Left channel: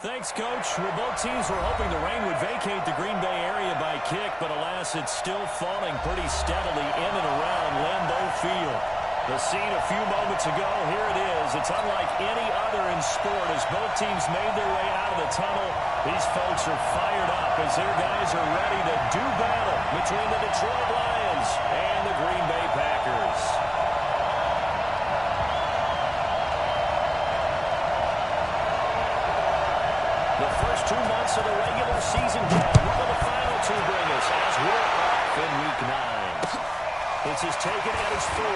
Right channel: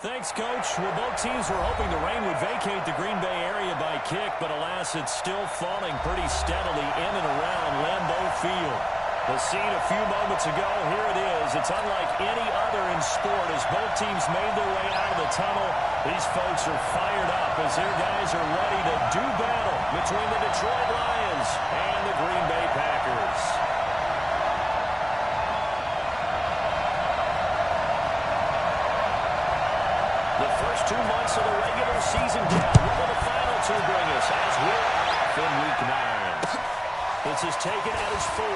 Thanks, Coach. Well, both teams were hoping the rain would vacate the Green Bay area by kick, but alas, it's still falling pretty steadily in and around Lambeau Field. The scene a few moments ago, here it is. It's unlike any other in sport as both teams made their way out of the tunnel. These folks are fired up as their guys are ready to do battle between the Detroit Lions and the Green Bay Packers. The first 2 months of the regular season down. What will the final two bring us as we're off in Week 9? This is taken at his 4.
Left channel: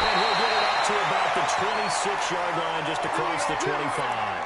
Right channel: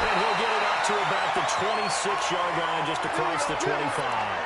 And he'll get it up to about the 26-yard line just across the 25.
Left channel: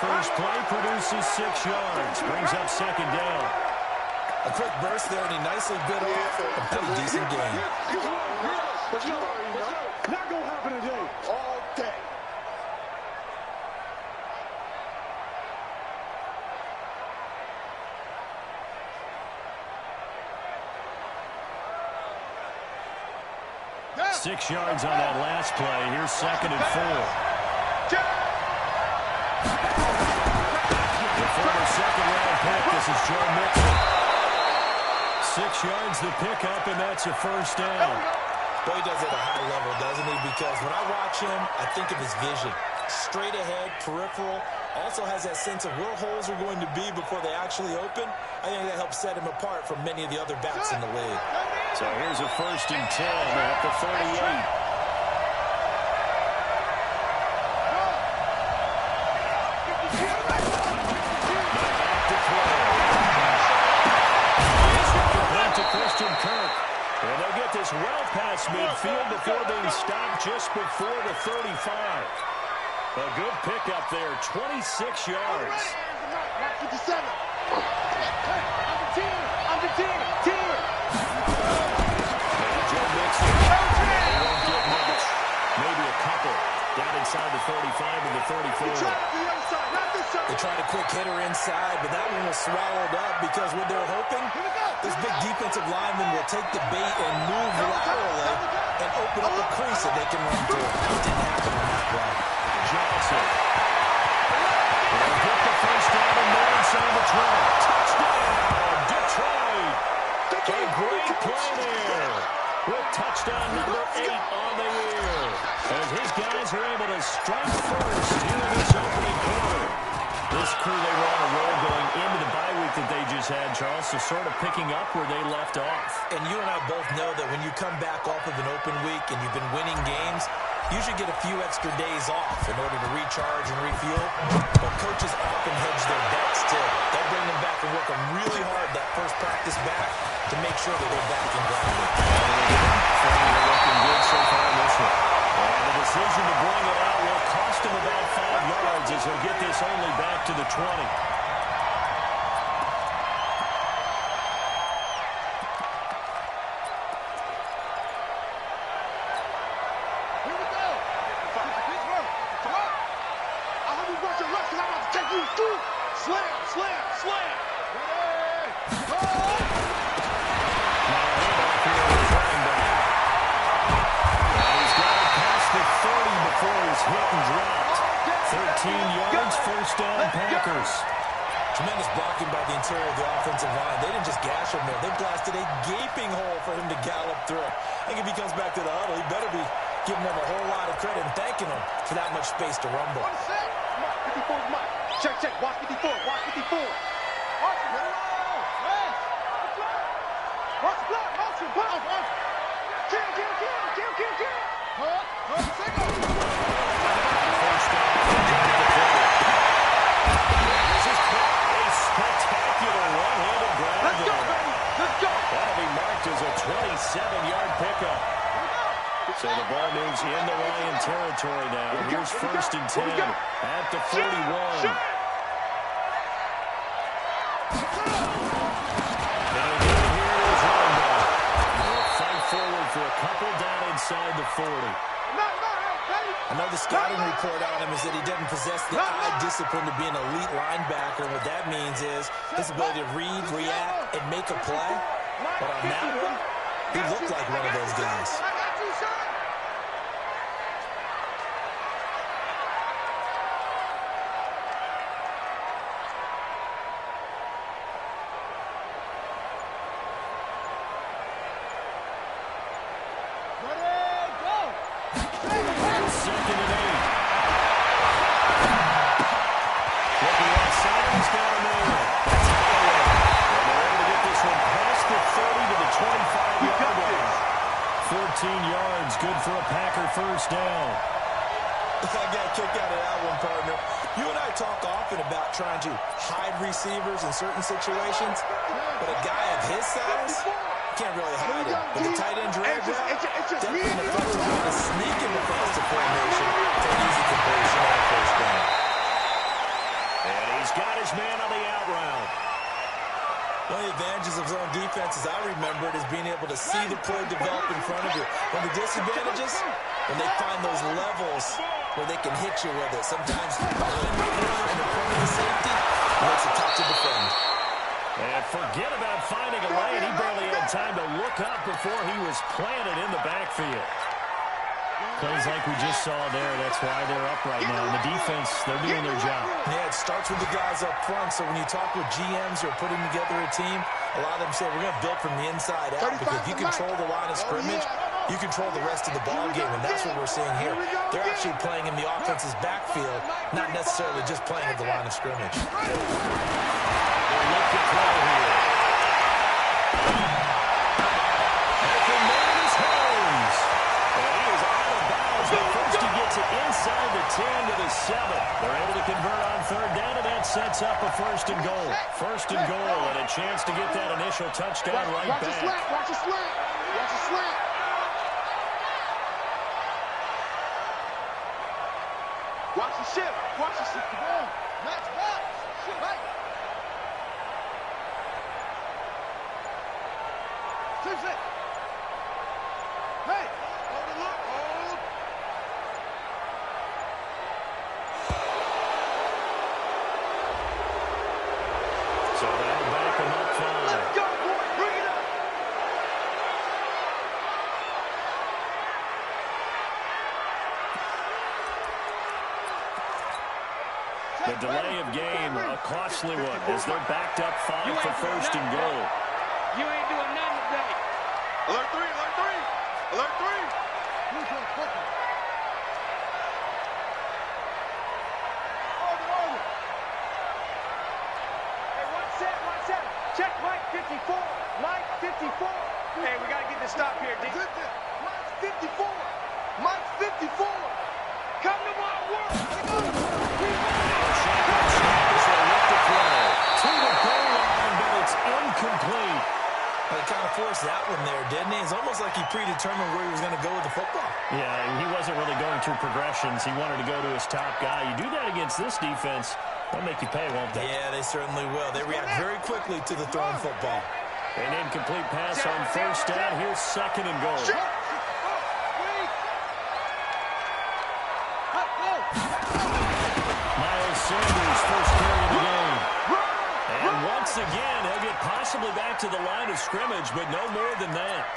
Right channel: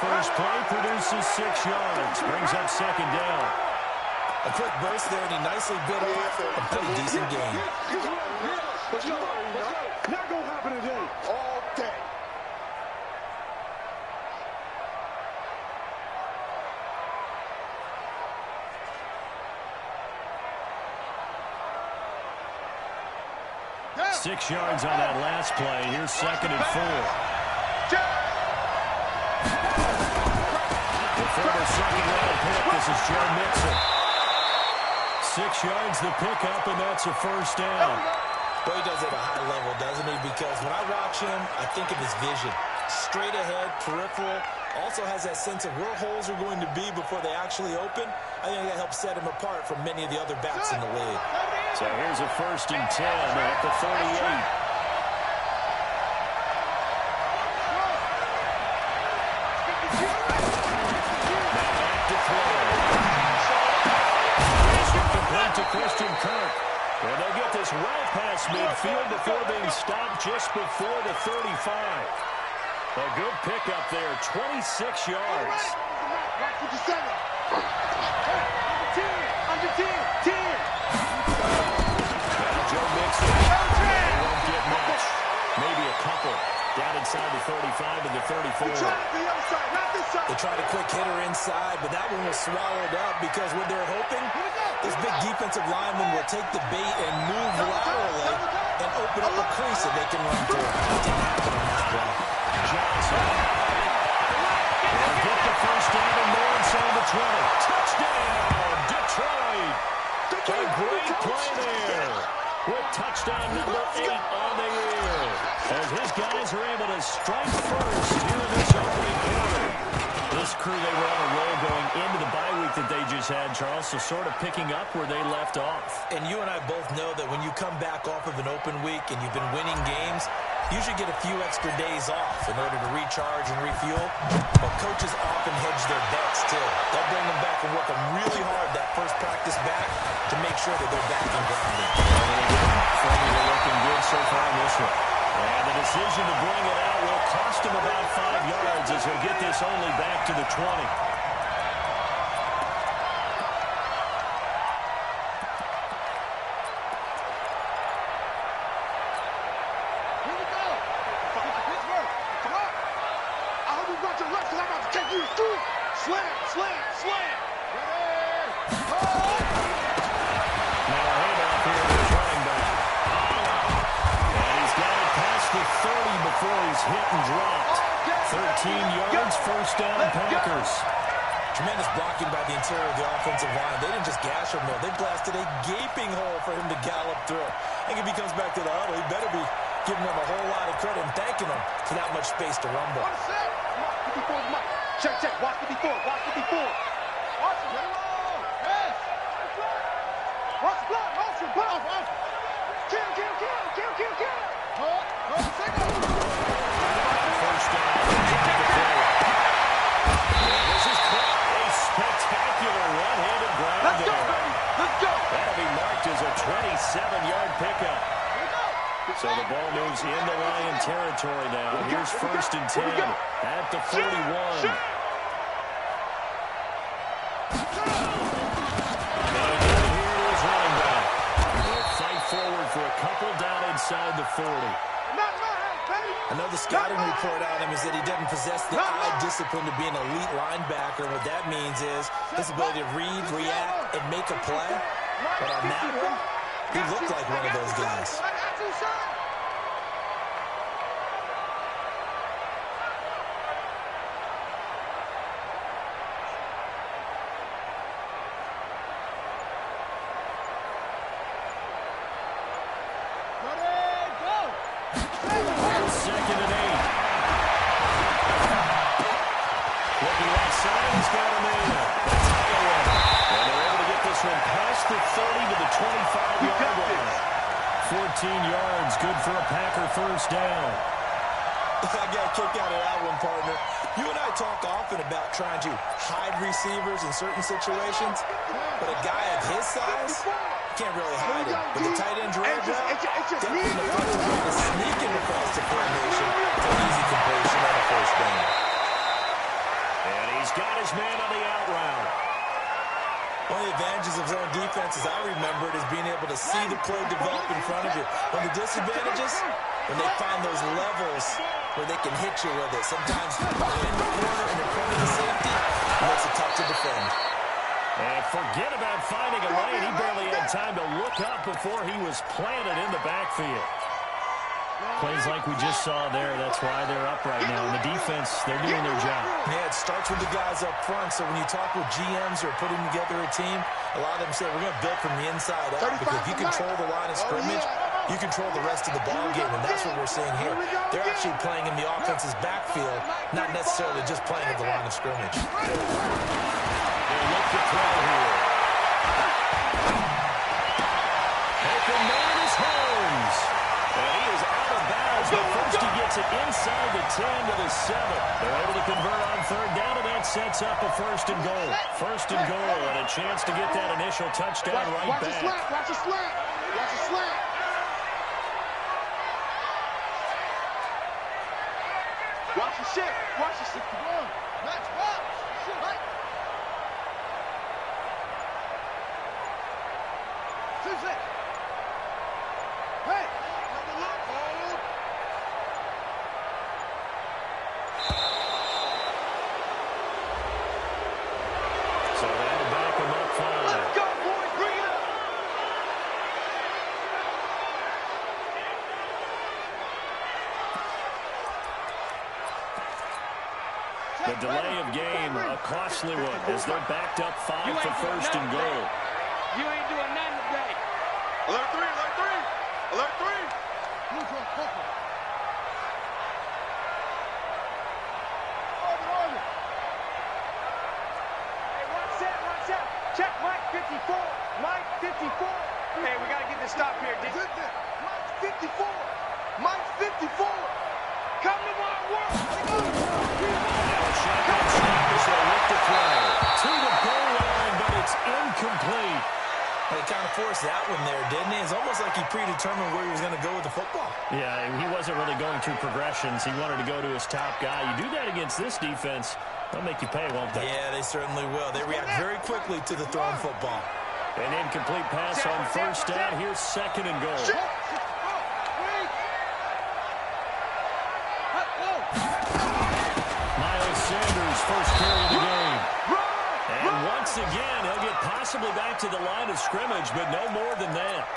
First play produces 6 yards, brings up second down. A quick burst there, and he nicely bit off a pretty decent gain. Let's go. Not gonna happen today. All day. Yeah. 6 yards on that last play. Here's second and 4. Former second-round pick, this is Joe Mixon. 6 yards the pickup, and that's a first down. Boy, he does it at a high level, doesn't he? Because when I watch him, I think of his vision. Straight ahead, peripheral, also has that sense of where holes are going to be before they actually open. I think that helps set him apart from many of the other backs in the league. So here's a first and 10 at the 38. To Christian Kirk. And they'll get this well past midfield before being stopped just before the 35. A good pickup there, 26 yards. Under 10. Now Joe Mixon. They won't get much. Maybe a couple. Down inside the 35 and the 34. They tried a quick hitter inside, but that one was swallowed up because what they're hoping, this big defensive lineman will take the bait and move laterally and open up a crease that they can run through. It didn't happen on that play. Johnson. They'll get the first down and more inside the 20. Touchdown, Detroit. A great play there. With touchdown number 8 on the year. As his guys are able to strike first here in this opening quarter. This crew, they were on a roll going into the bye week that they just had, Charles, so sort of picking up where they left off. And you and I both know that when you come back off of an open week and you've been winning games, you should get a few extra days off in order to recharge and refuel. But coaches often hedge their bets, too. They'll bring them back and work them really hard that first practice back to make sure that they're back and grounded. They're looking good so far in this one. And the decision to bring it out will cost him about 5 yards as he'll get this only back to the 20. Slam. Ready. Now a handoff here with the running back. And he's got it past the 30 before he's hit and dropped. 13 yards, first down, Packers. Tremendous blocking by the interior of the offensive line. They didn't just gash him there. They blasted a gaping hole for him to gallop through. I think if he comes back to the huddle, he better be giving them a whole lot of credit and thanking them for that much space to rumble. Mike, 54 is Mike. Check. Watch 54. Watch it. Let it roll. Yes. Watch the block. Motion. Block. Kill. Single. First down. This is a spectacular one-handed grab. Let's go, baby. Let's go. That'll be marked as a 27-yard pickup. Here we go. So the ball moves into Lion territory now. Here's 1st and 10 at the 41. Forward for a couple down inside the 40. Another scouting report on him is that he doesn't possess the eye discipline to be an elite linebacker. And what that means is his ability to read, react, and make a play. But on that one, he looked like one of those guys. Yards, good for a Packer first down. I got a kick out of that one, partner. You and I talk often about trying to hide receivers in certain situations, but a guy of his size can't really hide it. But the tight end drag route, definitely an effective way to sneak him across the formation for an easy completion on a first down. And he's got his man on the out route. One of the advantages of zone defense, as I remember it, is being able to see the play develop in front of you. One of the disadvantages, when they find those levels where they can hit you with it. Sometimes behind the corner and in front of the safety, it makes it tough to defend. And forget about finding a lane. He barely had time to look up before he was planted in the backfield. Plays like we just saw there, that's why they're up right now. And the defense, they're doing their job. Yeah, it starts with the guys up front. So when you talk with GMs who are putting together a team, a lot of them say, we're going to build from the inside out. Because if you control the line of scrimmage, you control the rest of the ball game. And that's what we're seeing here. They're actually playing in the offense's backfield, not necessarily just playing at the line of scrimmage. They look to throw here. Open man is Holmes. And he is out of bounds, but first he gets it inside the 10 to the 7. They're able to convert on third down, and that sets up a 1st and goal. 1st and goal, and a chance to get that initial touchdown right back. Watch the slant, watch the slant, watch the slant. Watch the shift, watch the shift. Come on, Max, box, shift, right. Shift. Hey, hold the look, hold. So that'll back him up 5. Let's go, boys, bring it up. The delay of game, a costly one, as they're backed up 5 for 1st and goal. You ain't doing nothing today. Alert 3, alert 3, alert 3. Orbit. Hey, one set. Check Mike 54. Mike 54. Hey, we got to get this stop here, D. Mike 54. Mike 54. Come to my work. Shotgun snap as they look to throw. To the goal line, but it's incomplete. He kind of forced that one there, didn't he? It's almost like he predetermined where he was going to go with the football. Yeah, he wasn't really going through progressions. He wanted to go to his top guy. You do that against this defense, they'll make you pay, won't they? Yeah, they certainly will. They react very quickly to the thrown football. An incomplete pass on first down. Here's 2nd and goal. Miles Sanders, first carry of the game. And once again, he'll get possibly back to the line of scrimmage, but no more than that.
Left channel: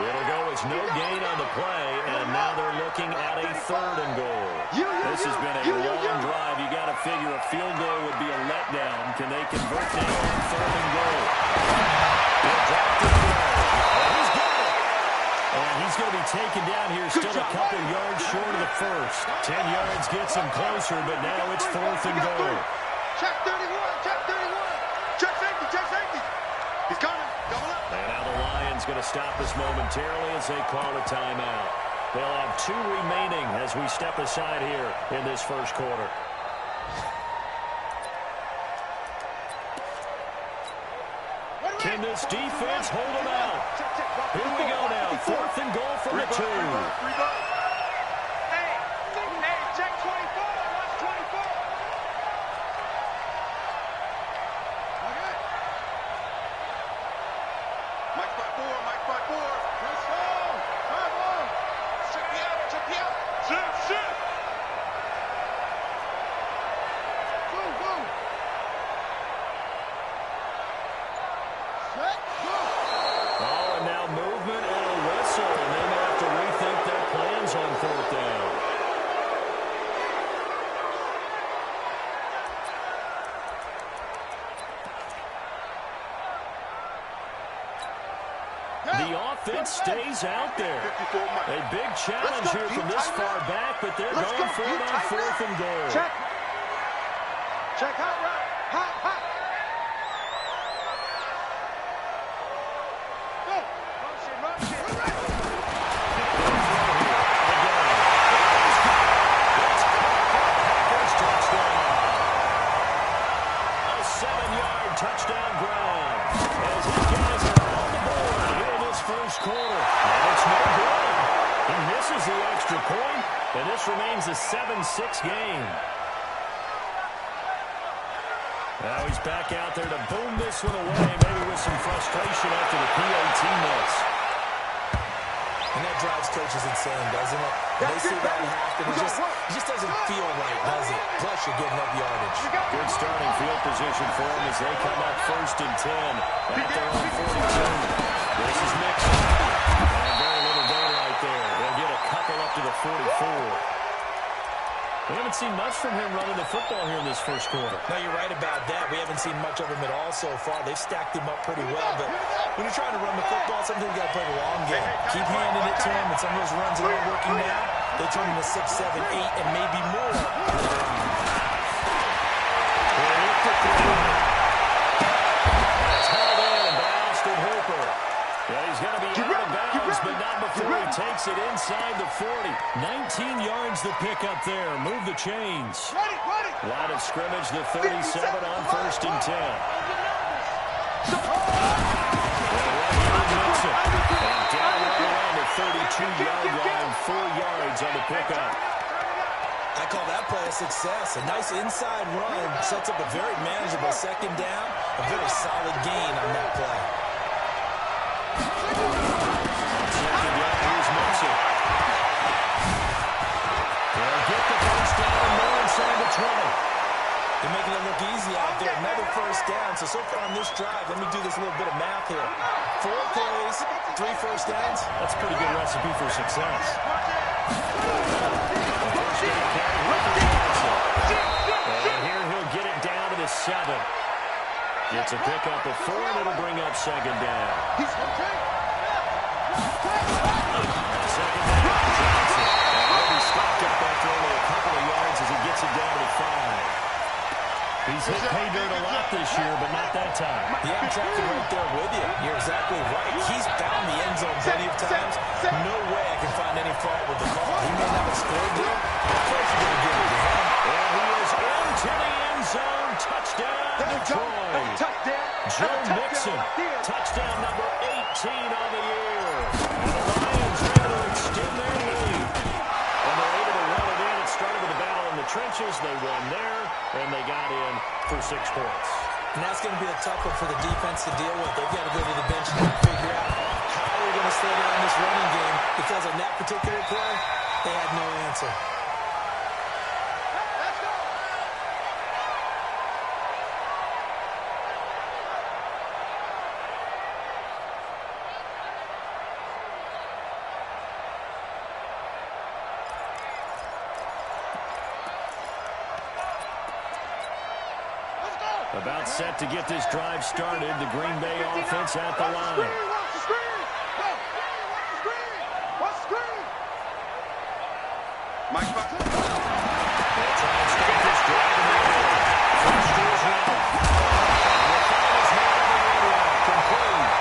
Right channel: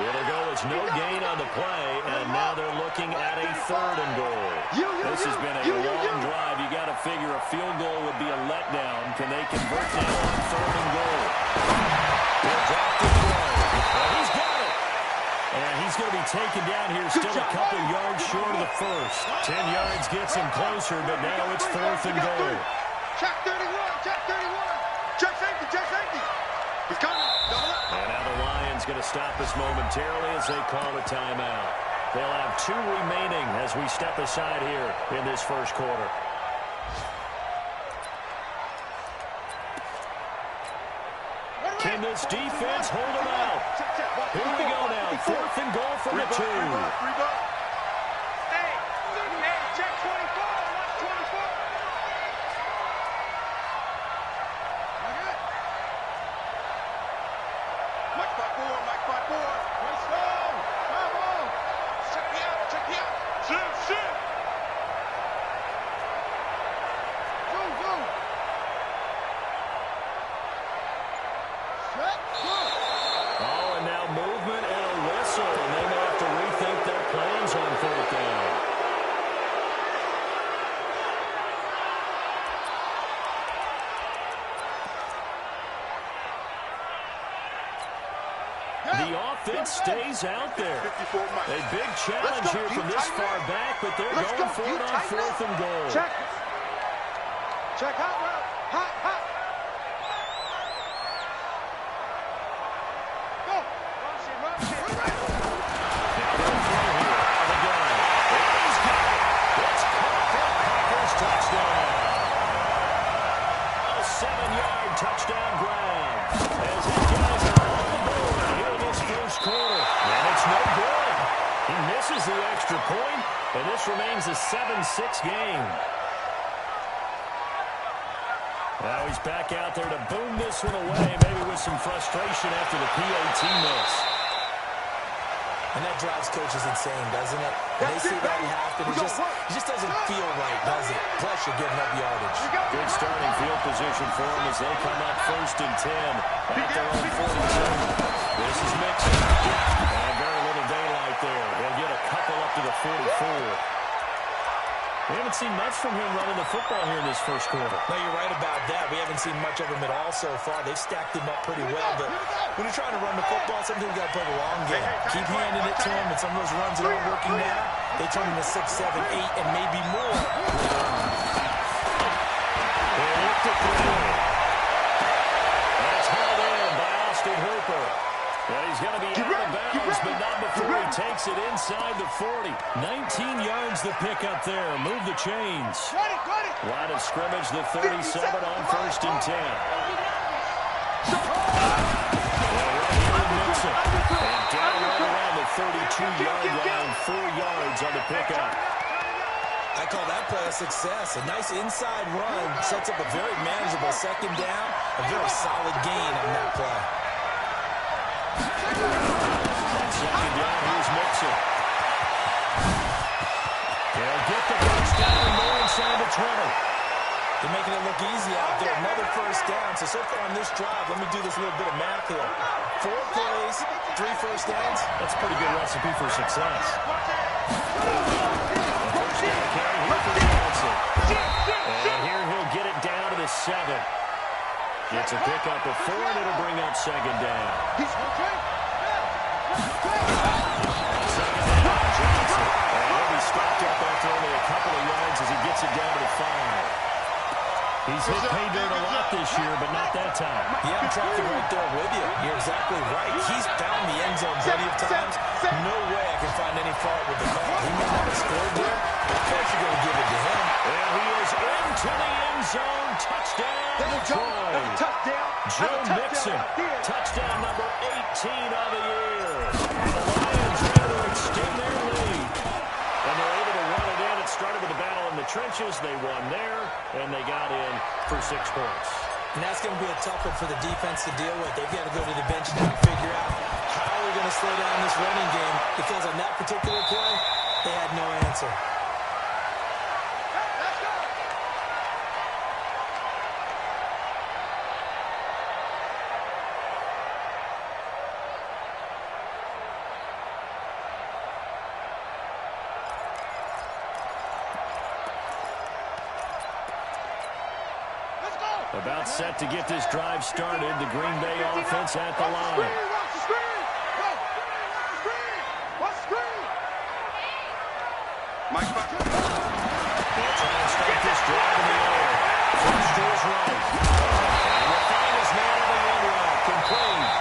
It'll go as no gain on the play, and now they're looking at a 3rd and goal. This has been a long drive. You got to figure a field goal would be a letdown. Can they convert now on 3rd and goal? He'll drop the throw. And he's got it. And he's going to be taken down here, still a couple yards short of the first. 10 yards gets him closer, but now it's 4th and goal. Check 31, check 31. Check safety. He's coming, double up. And now the Lions going to stop us momentarily as they call a timeout. They'll have 2 remaining as we step aside here in this first quarter. Can this defense hold him out? Here we go now. 4th and goal from the 2. Hey, check 24. Watch 24. Okay. Mike 5-4. Mike 5-4. Let's go. Come on. Check me out. Check me out. Shit. Go. Set, go. Oh, and now movement and a whistle, and they may have to rethink their plans on 4th down. The offense stays out there. A big challenge here from this far back, but they're going for it on 4th and goal. Check hot route. Hot. Go. Motion. Now they'll throw here. Again. He's got it. It's caught for a Packers touchdown. A 7-yard touchdown grab. As his guys are on the board here in this first quarter. And it's no good. He misses the extra point, and this remains a 7-6 game. Now he's back out there to boom this one away, maybe with some frustration after the PAT miss. And that drives coaches insane, doesn't it? When they see that happen, it just doesn't feel right, does it? Plus, you're giving up yardage. Good starting field position for them as they come up 1st and 10 at their own 42. This is Mixon. And very little daylight there. They'll get a couple up to the 44. We haven't seen much from him running the football here in this first quarter. No, you're right about that. We haven't seen much of him at all so far. They've stacked him up pretty well, but when you're trying to run the football, sometimes you got to play the long game. Keep handing it to him, and some of those runs that aren't working now, they turn into 6, 7, 8, and maybe more later on. They look to throw. That's hauled in by Austin Hooper. Yeah, he's going to be out of bounds, but not before he takes it inside the 40. 19 yards to pick up there. Move the chains. Line of scrimmage, the 37 on 1st and 10. And down right around the 32-yard line, 4 yards on the pickup. I call that play a success. A nice inside run sets up a very manageable 2nd down, a very solid gain on that play. On 2nd down, here's Mixon. They'll get the first down and more inside the 20. They're making it look easy out there. Another 1st down. So far on this drive, let me do this little bit of math here. 4 plays, 3 1st downs. That's a pretty good recipe for success. The first down carry here for Johnson. And here he'll get it down to the 7. It's a pickup of 4, and it'll bring up 2nd down. On 2nd down, Johnson. And he'll be stopped up after only a couple of yards as he gets it down to the 5. He's hit pay dirt a lot this year, but not that time. Yeah, I'm tracking right there with you. You're exactly right. He's found the end zone plenty of times. No way I can find any fault with the call. He may not have scored there, but of course you're going to give it to him. And he is into the end zone. Touchdown, Detroit. Joe Mixon. Touchdown number 18 of the year. And the Lions able to extend their lead. And they're able to run it in. It started with a battle in the trenches. They won there, and they got in for 6 points. And that's going to be a tough one for the defense to deal with. They've got to go to the bench now and figure out how we're going to slow down this running game, because on that particular play, they had no answer. Let's go. About set to get this drive started. The Green Bay offense at the line. Watch the screen! Go! Watch the screen! Mike, They'll try and start this drive in the air. Flush to his right. And will find his man on the end route. Complete.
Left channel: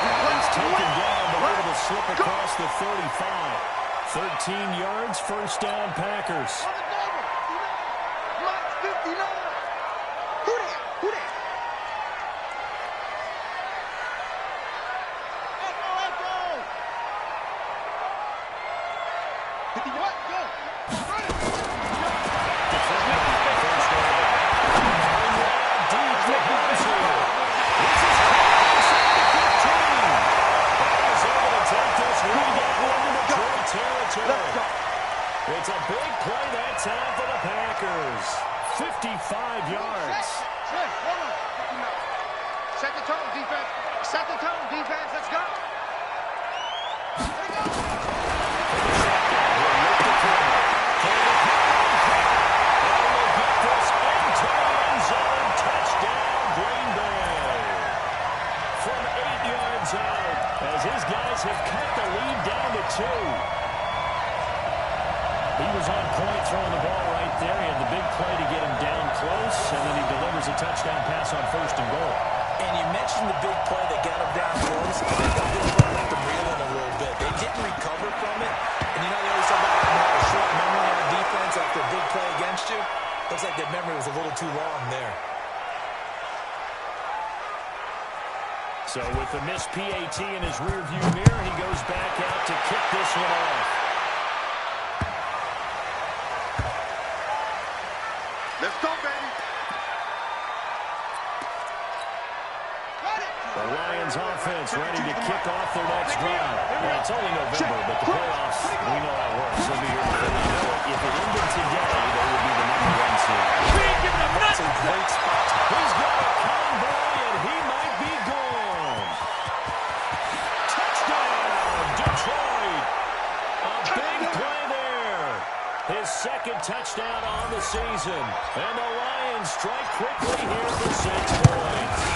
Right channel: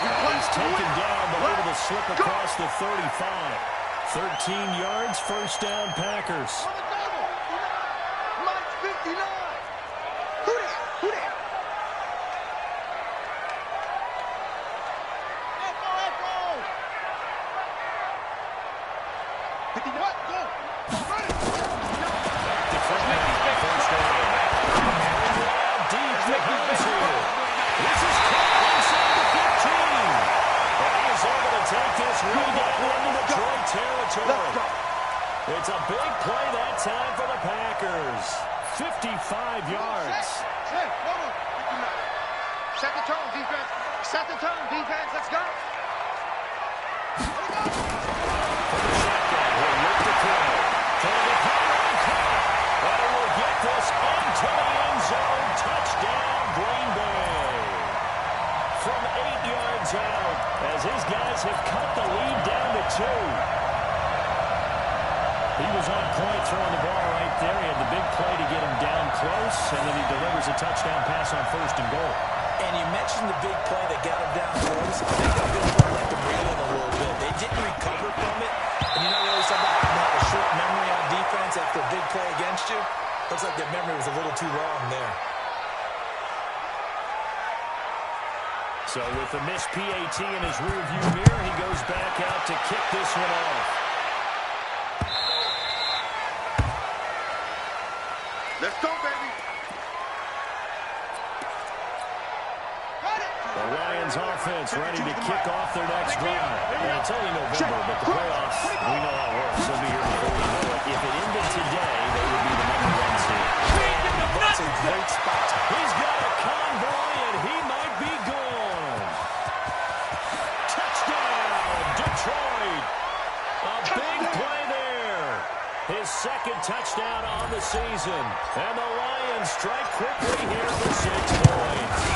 And he's taken down, but able to slip across the 35. 13 yards, 1st down, Packers. on the double! Mike's 59! Who that? 50, what? Go. Run it. Let's make these big first down. Deep to Hensel. This is caught inside the 15. And he is able to take this run down into Detroit territory. It's a big play that time for the Packers. 55 yards. Set. Hold on. 59. Set the tone, defense. Set the tone, defense. Let's go. Let it go. He'll look to throw. And will get this into the end zone. Touchdown, Green Bay. From 8 yards out, as his guys have cut the lead down to 2. He was on point throwing the ball right there. He had the big play to get him down close, and then he delivers a touchdown pass on 1st and goal. And you mentioned the big play that got him down close. I think that big play let them reel in a little bit. They didn't recover from it. And you know, they always talk about having a short memory on defense after a big play against you. Looks like that memory was a little too long there. So with the missed PAT in his rearview mirror, he goes back out to kick this one off. Let's go, baby. The Lions offense ready to kick off their next drive. And it's only November, but the playoffs, we know how it works. They'll be here before we know it. If it ended today, they would be the #1 seed. That's a great spot. He's got a convoy, and he might be gone. Touchdown, Detroit. A big play there. His 2nd touchdown on the season. And the Lions strike quickly here for 6 points.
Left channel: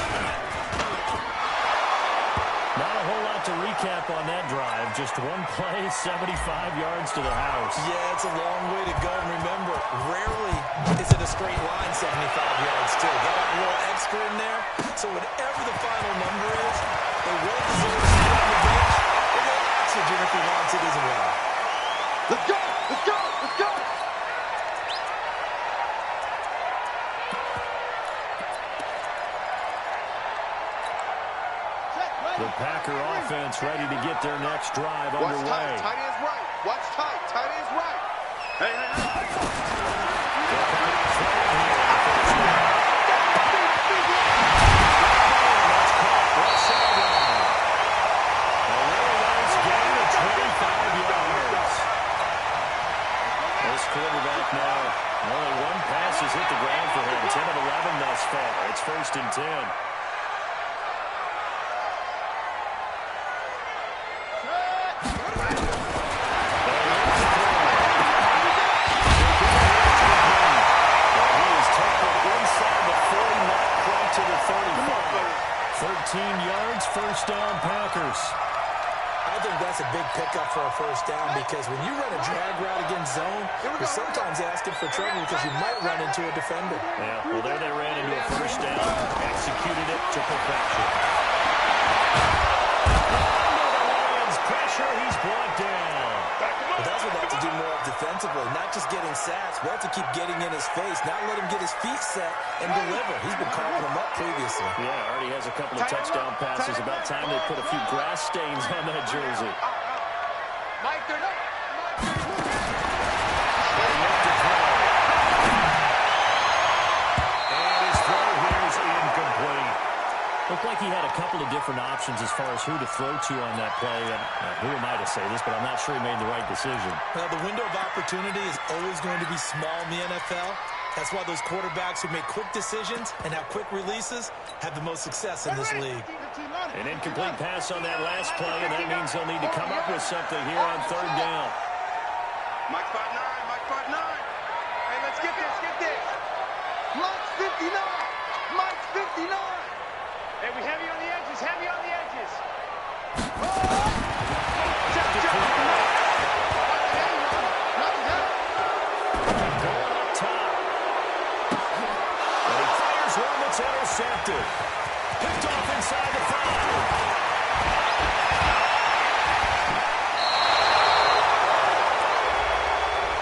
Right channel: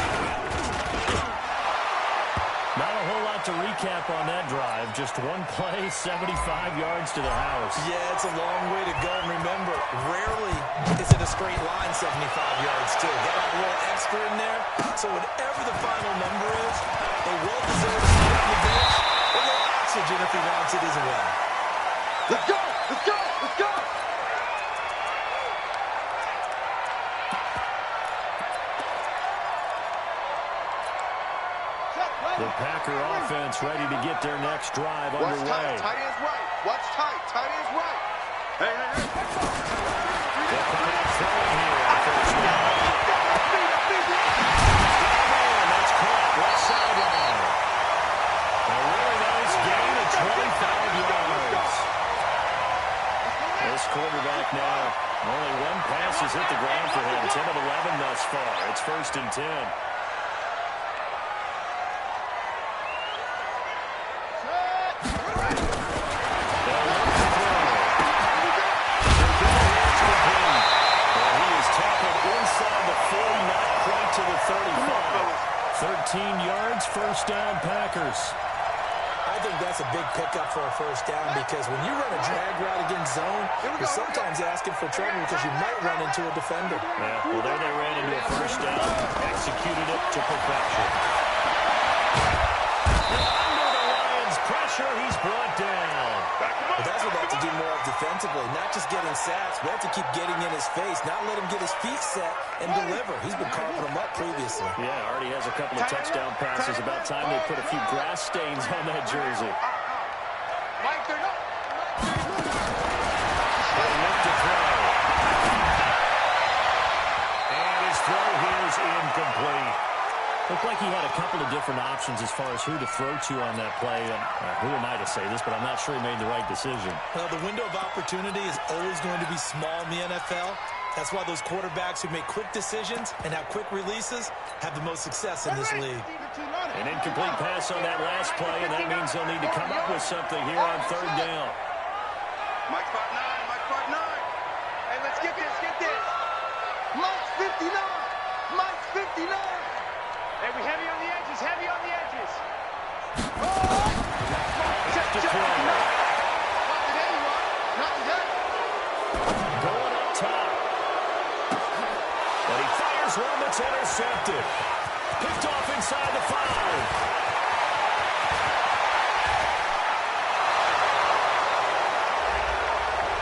Not a whole lot to recap on that drive. Just one play, 75 yards to the house. Yeah, it's a long way to go. And remember, rarely is it a straight line 75 yards, too. Got a little extra in there. So whatever the final number is, they will deserve to sit on the bench. A little oxygen if he wants it as well. Let's go. Let's go. Let's go. The Packer offense ready to get their next drive Watch underway. tight. Tight end's right. Watch tight. Tight end's right. Hey. That's caught. Left sideline. A really nice gain of 25 yards. This quarterback now, only one pass has hit the ground for him. 10 of 11 thus far. It's 1st and 10. To the 35. 13 yards, 1st down, Packers. I think that's a big pickup for a 1st down because when you run a drag route against zone, you're sometimes asking for trouble because you might run into a defender. Yeah, well, there they ran into a 1st down, executed it to perfection. Under the Lions' pressure, he's brought down. But that's what they have to do more of defensively, not just getting sacks, but have to keep getting in his face, not let him get his feet set and deliver. He's been carving them up previously. Yeah, already has a couple of touchdown passes. About time they put a few grass stains on that jersey. Mike, they're up. They look to throw. And his throw here is incomplete. Looked like he had a couple of different options as far as who to throw to on that play. And who am I to say this, but I'm not sure he made the right decision. Well, the window of opportunity is always going to be small in the NFL. That's why those quarterbacks who make quick decisions and have quick releases have the most success in this league. An incomplete pass on that last play, and that means they'll need to come up with something here on 3rd down. Mike 5'9", Mike 5'9". Hey, let's get this, get this. Mike's 59. Mike's 59. Hey, we heavy on the edges, heavy on the edges. Check to throw. Not today, Ron. Not today. Going up top. And he fires one that's intercepted. Picked off inside the 5.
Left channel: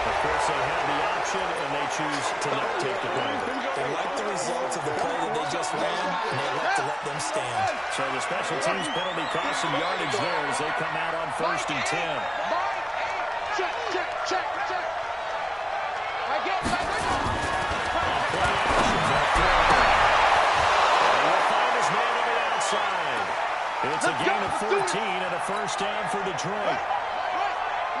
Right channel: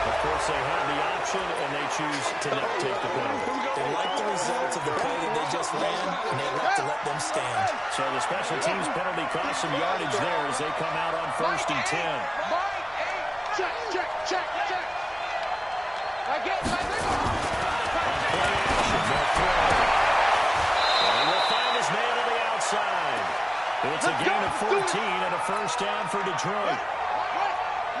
Of course, they have the option, and they choose to not take the penalty. They like the results of the play that they just ran, and they elect to let them stand. So the special teams penalty cost some yardage there as they come out on 1st and 10. Mike 8. Check, check, check, check. Right, get, right, there you go. Play action, they'll throw. And he will find his man on the outside. It's a gain of 14 and a first down for Detroit.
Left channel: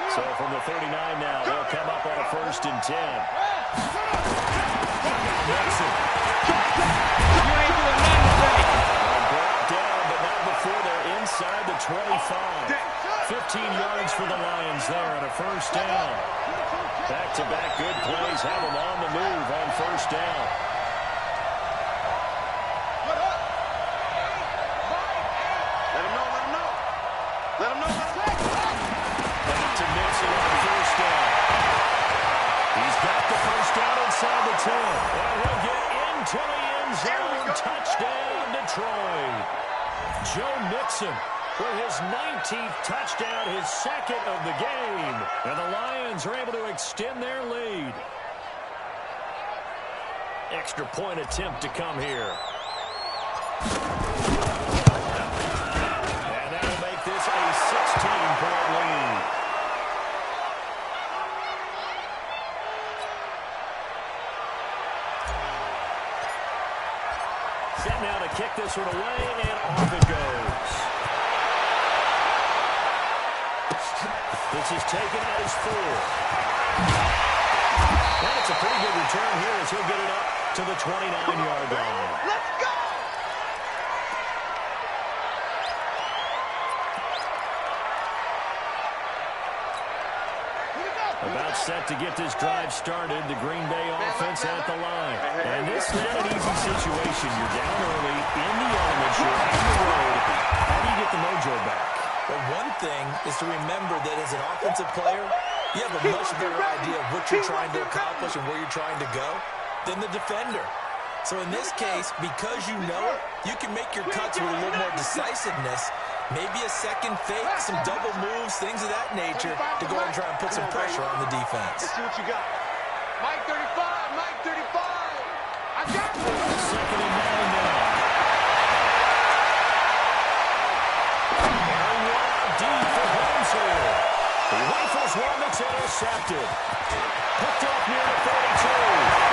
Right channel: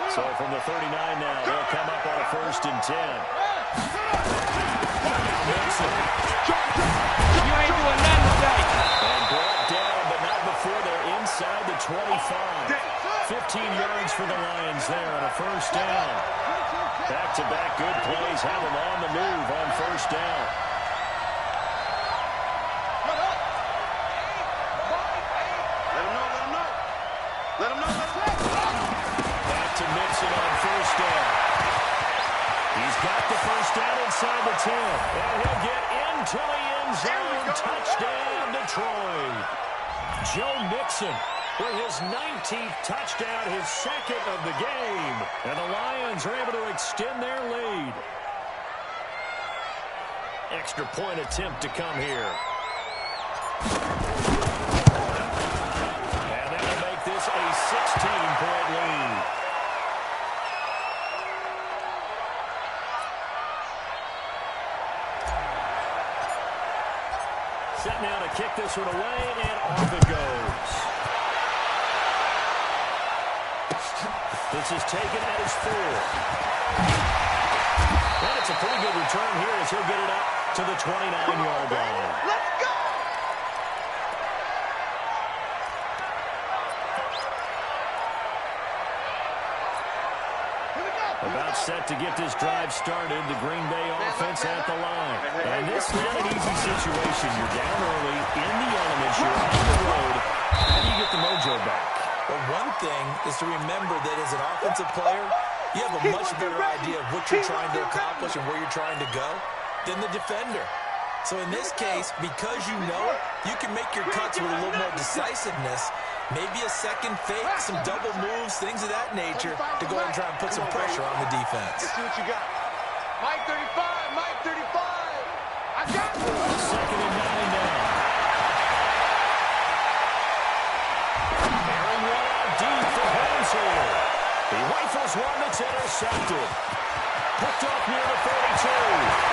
So from the 39 now, they'll come up on a 1st and 10. Now Mixon. You ain't doing nothing today. And brought down, but not before they're inside the 25. 15 yards for the Lions there and a first down. Back-to-back good plays have them on the move on first down. Let him know, let him know. Let him know, let him know. Back to Mixon on first down. He's got the first down inside the 10. And he'll get into the end zone. Touchdown, Detroit. Joe Mixon with his 19th touchdown, his second of the game. And the Lions are able to extend their lead. Extra point attempt to come here. And that'll make this a 16-point lead. Set now to kick this one away, and off it goes. This is taken at his 4. And it's a pretty good return here as he'll get it up to the 29-yard line. Let's go! About set to get this drive started, the Green Bay offense at the line. And this is not an easy situation. You're down early, in the elements, you're on the road. How do you get the mojo back? Well, one thing is to remember that as an offensive player, you have a much better idea of what you're trying to accomplish and where you're trying to go than the defender. So in this case, because you know it, you can make your cuts with a little more decisiveness, maybe a second fake, some double moves, things of that nature, to go ahead and try and put some pressure on the defense. Let's see what you got. Mike 35, Mike 35. I got you. 2nd and 9 now. Airing one out deep for Holmes here. He rifles one that's intercepted. Picked off near the 32.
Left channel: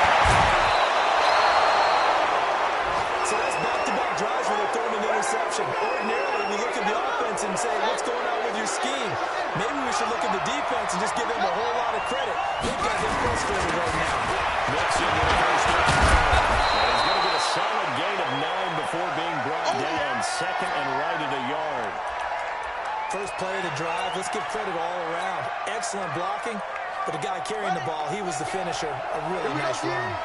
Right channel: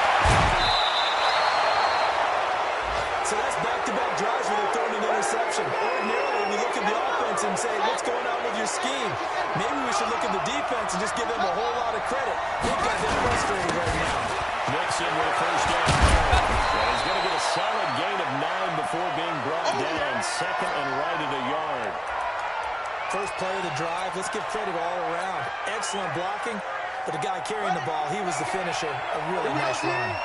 So that's back-to-back drives where they're throwing an interception. Ordinarily, we look at the offense and say, what's going on with your scheme? Maybe we should look at the defense and just give them a whole lot of credit. They've got them frustrated right now. Mixon with a first down. And he's going to get a solid gain of 9 before being brought down. Second and right at a yard. First play of the drive. Let's give credit all around. Excellent blocking, but the guy carrying the ball, he was the finisher. A really nice run.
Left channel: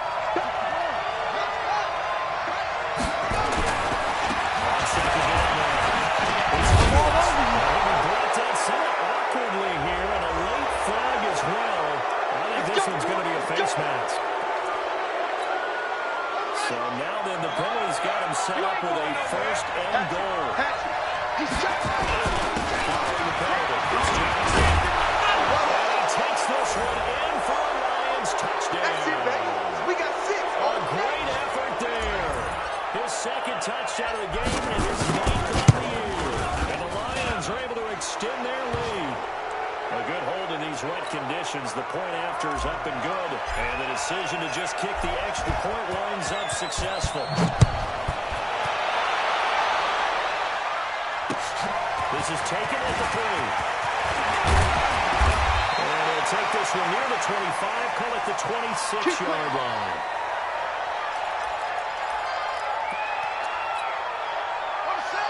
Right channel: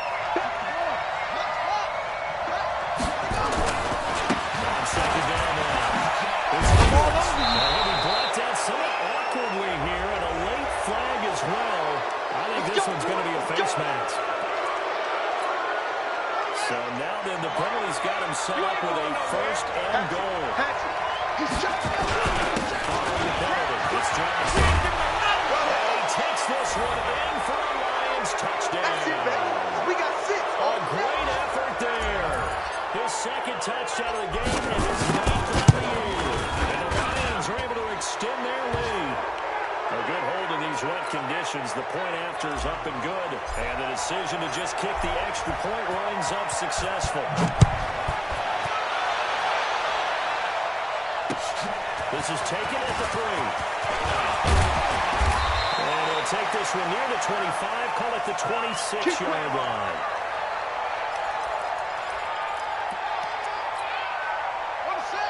Second down now. He's brought down somewhat awkwardly here, and a late flag as well. I think this one's going to be a face mask. So now then, the penalty's got him set up with a first and goal. Following the penalty, it's Johnson. And he takes this one in for a Lions touchdown. That's it, baby. We got 6. A great effort there. His second touchdown of the game and his 9th on the year. And the Lions are able to extend their lead. A good hold in these wet conditions. The point after is up and good. And the decision to just kick the extra point winds up successful. This is taken at the 3. And he'll take this one near the 25, call it the 26-yard line.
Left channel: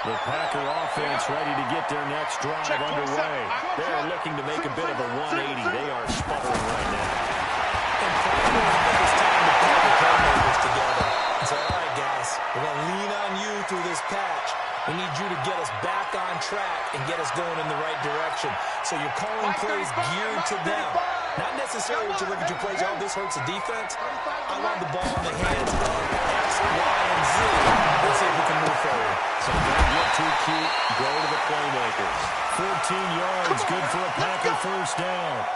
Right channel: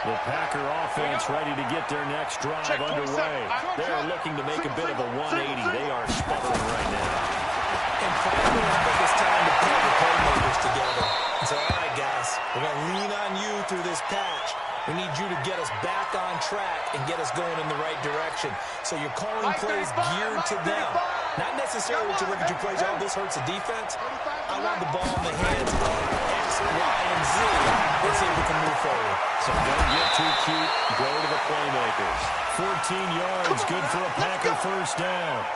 The Packer offense ready to get their next drive underway. They are looking to make a bit of a 180. They are sputtering right now. And finally, I think it's time to pull the playmakers together and say, all right, guys, we're going to lean on you through this patch. We need you to get us back on track and get us going in the right direction. So you're calling plays geared to them. Not necessarily that you look at your plays, oh, this hurts the defense. I want the ball in the hands of X, Y, and Z. Let's see if we can move forward. So don't get too cute. Go to the playmakers. 14 yards, good for a Packer first down.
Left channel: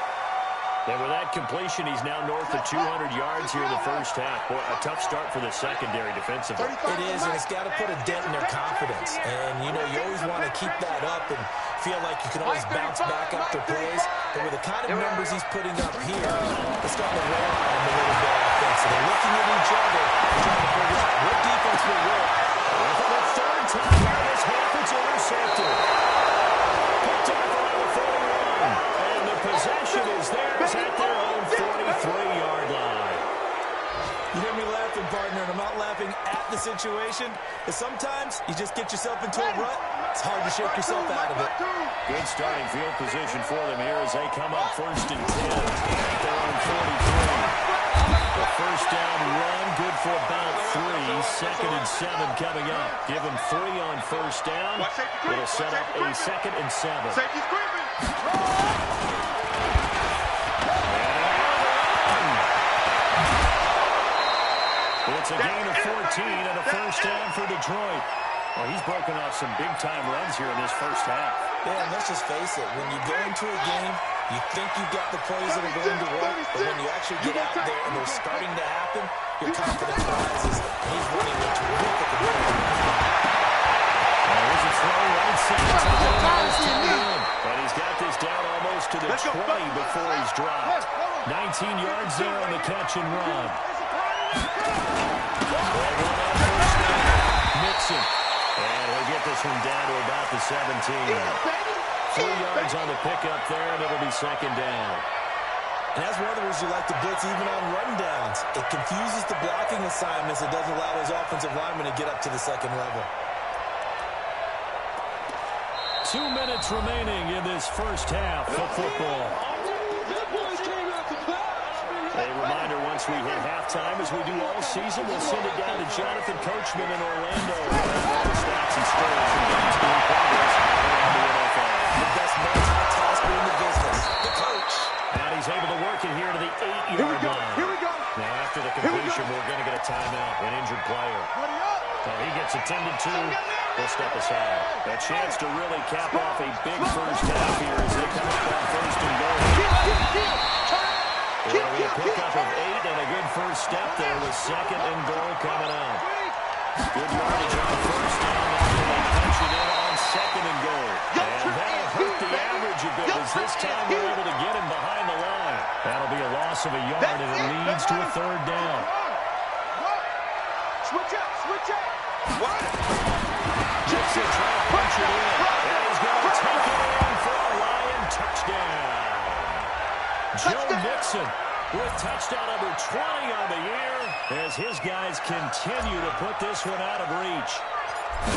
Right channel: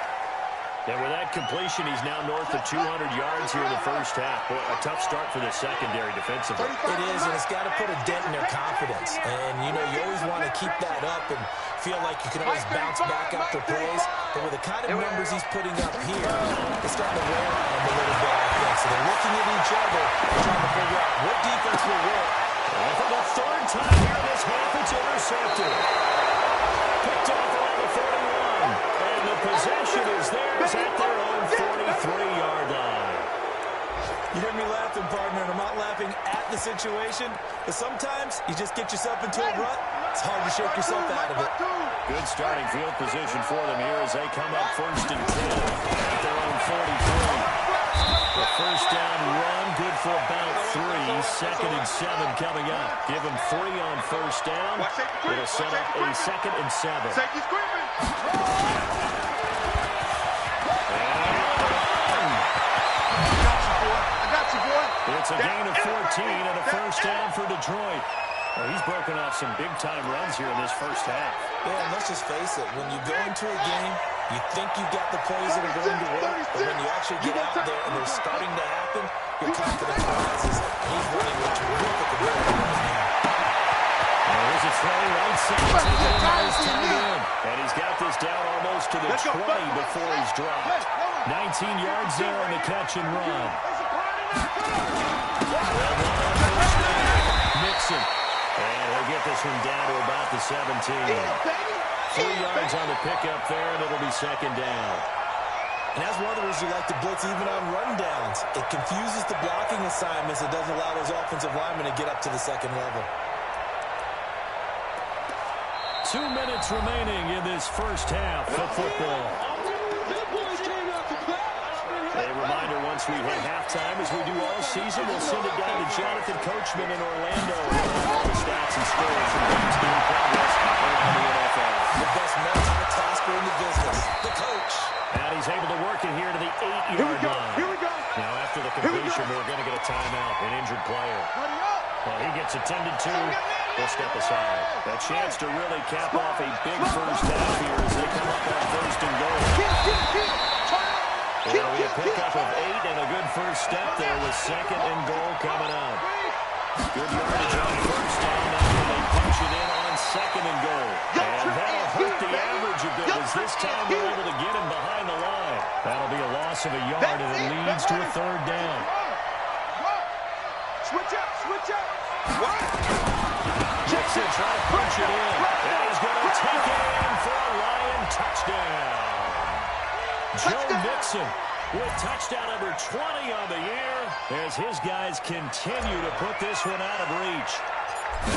And with that completion, he's now north of 200 yards here in the first half. Boy, a tough start for the secondary defensively. It is, and it's got to put a dent in their confidence. And, you know, you always want to keep that up and feel like you can always bounce back after plays. But with the kind of numbers he's putting up here, it's starting to wear on him a little bit, I think. So they're looking at each other and trying to figure out what defense will work. And for the third time here this half, it's intercepted. Picked off around the 41. And the possession is theirs at their own 43-yard line. You hear me laughing, partner, and I'm not laughing at the situation, but sometimes you just get yourself into a rut. It's hard to shake yourself out of it. Good starting field position for them here as they come up 1st and 10 at their own 43. The first down run, good for about 3. 2nd and 7 coming up. Give them 3 on first down. It'll set up a 2nd and 7. Safety screaming. It's a gain of 14 and a first down for Detroit. Well, he's broken off some big-time runs here in this first half. Yeah, and let's just face it. When you go into a game, you think you've got the plays that are going to work, but when you actually get out there and they're starting to happen, your confidence rises. He's running with terrific ability right now. Here's a throw right side. And he's got this down almost to the 20 before he's dropped. 19 yards there on the catch and run. Mixon. And he'll get this one down to about the 17. 3 yards on the pickup there, and it'll be 2nd down. And that's one of the reasons you like to blitz even on rundowns. It confuses the blocking assignments. It doesn't allow those offensive linemen to get up to the second level. 2 minutes remaining in this first half of football. A reminder, once we hit halftime, as we do all season, we'll send it down to Jonathan Coachman in Orlando. All the stats and scores from games in progress around the NFL. The best multitasker in the business, the coach. And he's able to work it here to the 8-yard line. Here we go. Now, after the completion, we're going to get a timeout, an injured player. Well, he gets attended to. We'll step aside. A chance to really cap off a big first half here as they come up on 1st and goal. It'll be a pickup of 8 and a good first step there with 2nd and goal coming up. Good yardage on first down. Now they punch it in on 2nd and goal. And that'll hurt the average a bit as this time they're able to get him behind the line. That'll be a loss of a yard and it leads to a 3rd down. Switch up, switch up. Jackson trying to punch it in. And he's going to take it in for a Lion touchdown. Joe Mixon with touchdown number 20 on the year as his guys continue to put this one out of reach.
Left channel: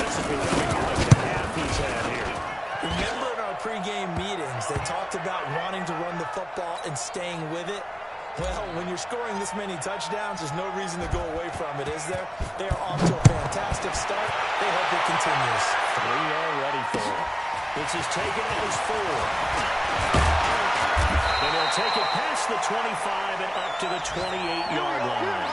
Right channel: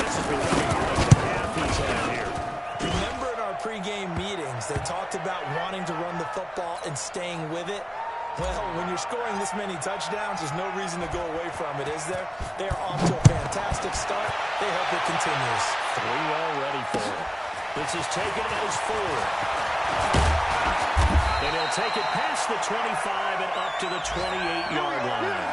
This is becoming like the half he's had here. Remember in our pregame meetings, they talked about wanting to run the football and staying with it. Well, when you're scoring this many touchdowns, there's no reason to go away from it, is there? They are off to a fantastic start. They hope it continues. 3 already for him. This is taken as 4. And he'll take it past the 25 and up to the 28-yard line.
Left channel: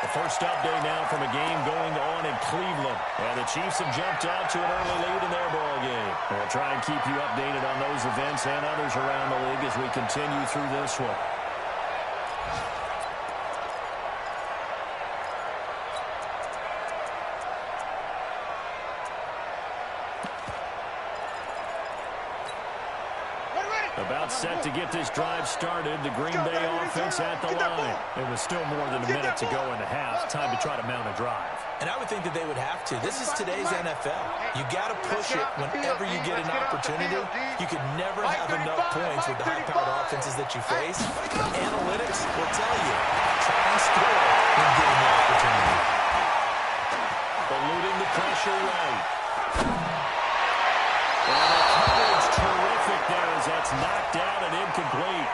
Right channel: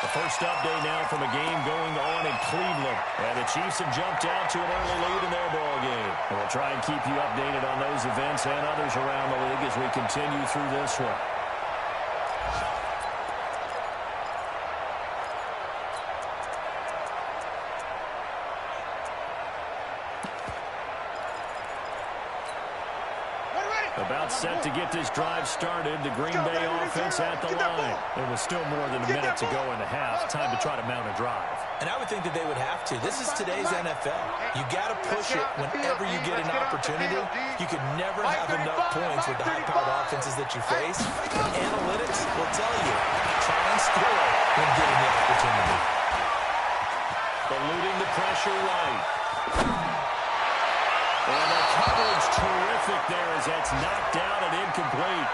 The first update now from a game going on in Cleveland. And the Chiefs have jumped out to an early lead in their ball game. And we'll try and keep you updated on those events and others around the league as we continue through this one. About set to get this drive started. The Green Bay offense at the line. It was still more than a minute to go in the half. Time to try to mount a drive. And I would think that they would have to. This is today's NFL. You got to push it whenever you get an opportunity. You could never have enough points with the high-powered offenses that you face. But analytics will tell you, try and score when given the opportunity. Eluding the pressure right. And the coverage terrific there as that's knocked down and incomplete.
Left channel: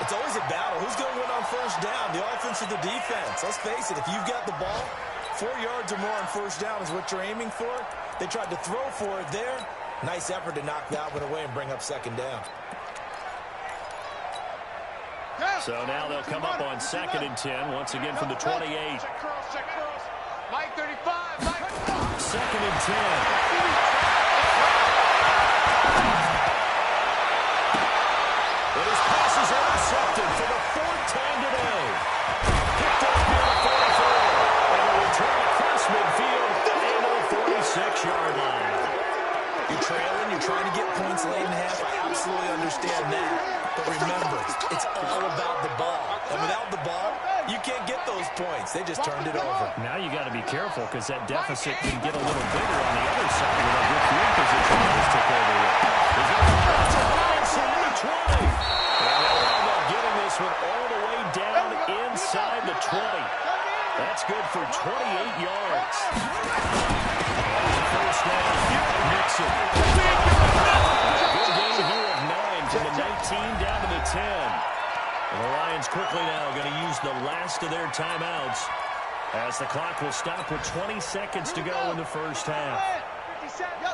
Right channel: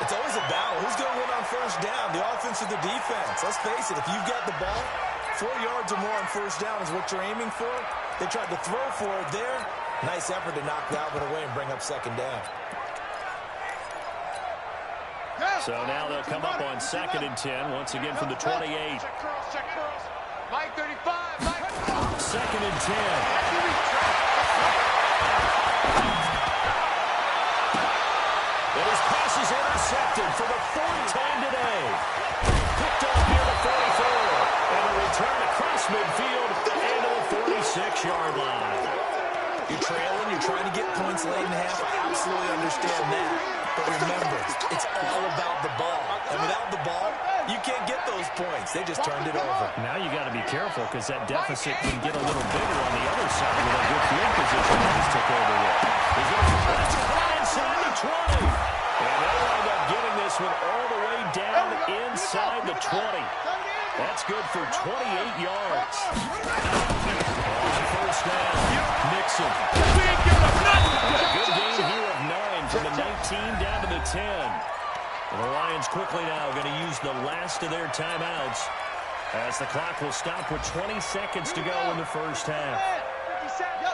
It's always a battle. Who's going to win on first down, the offense or the defense? Let's face it, if you've got the ball, 4 yards or more on first down is what you're aiming for. They tried to throw for it there. Nice effort to knock that one away and bring up 2nd down. So now they'll come up on 2nd and 10, once again from the 28. Check curls. Mike 35. Mike. 2nd and 10. And his pass is intercepted for the 4th time today. Picked up near the 44. And a return across midfield into the 46-yard line. You're trailing, you're trying to get points late in half. I absolutely understand that. But remember, it's all about the ball. And without the ball, you can't get those points. They just turned it over. Now you got to be careful because that deficit can get a little bigger on the other side with a good field position that just took over with. He's going to try to inside the 20. And they'll wind up getting this one all the way down inside the 20. That's good for 28 yards. First down, Nixon. A good gain here of 9 from the 19 down to the 10. And the Lions quickly now going to use the last of their timeouts as the clock will stop with 20 seconds to go in the first half. 57. Yo,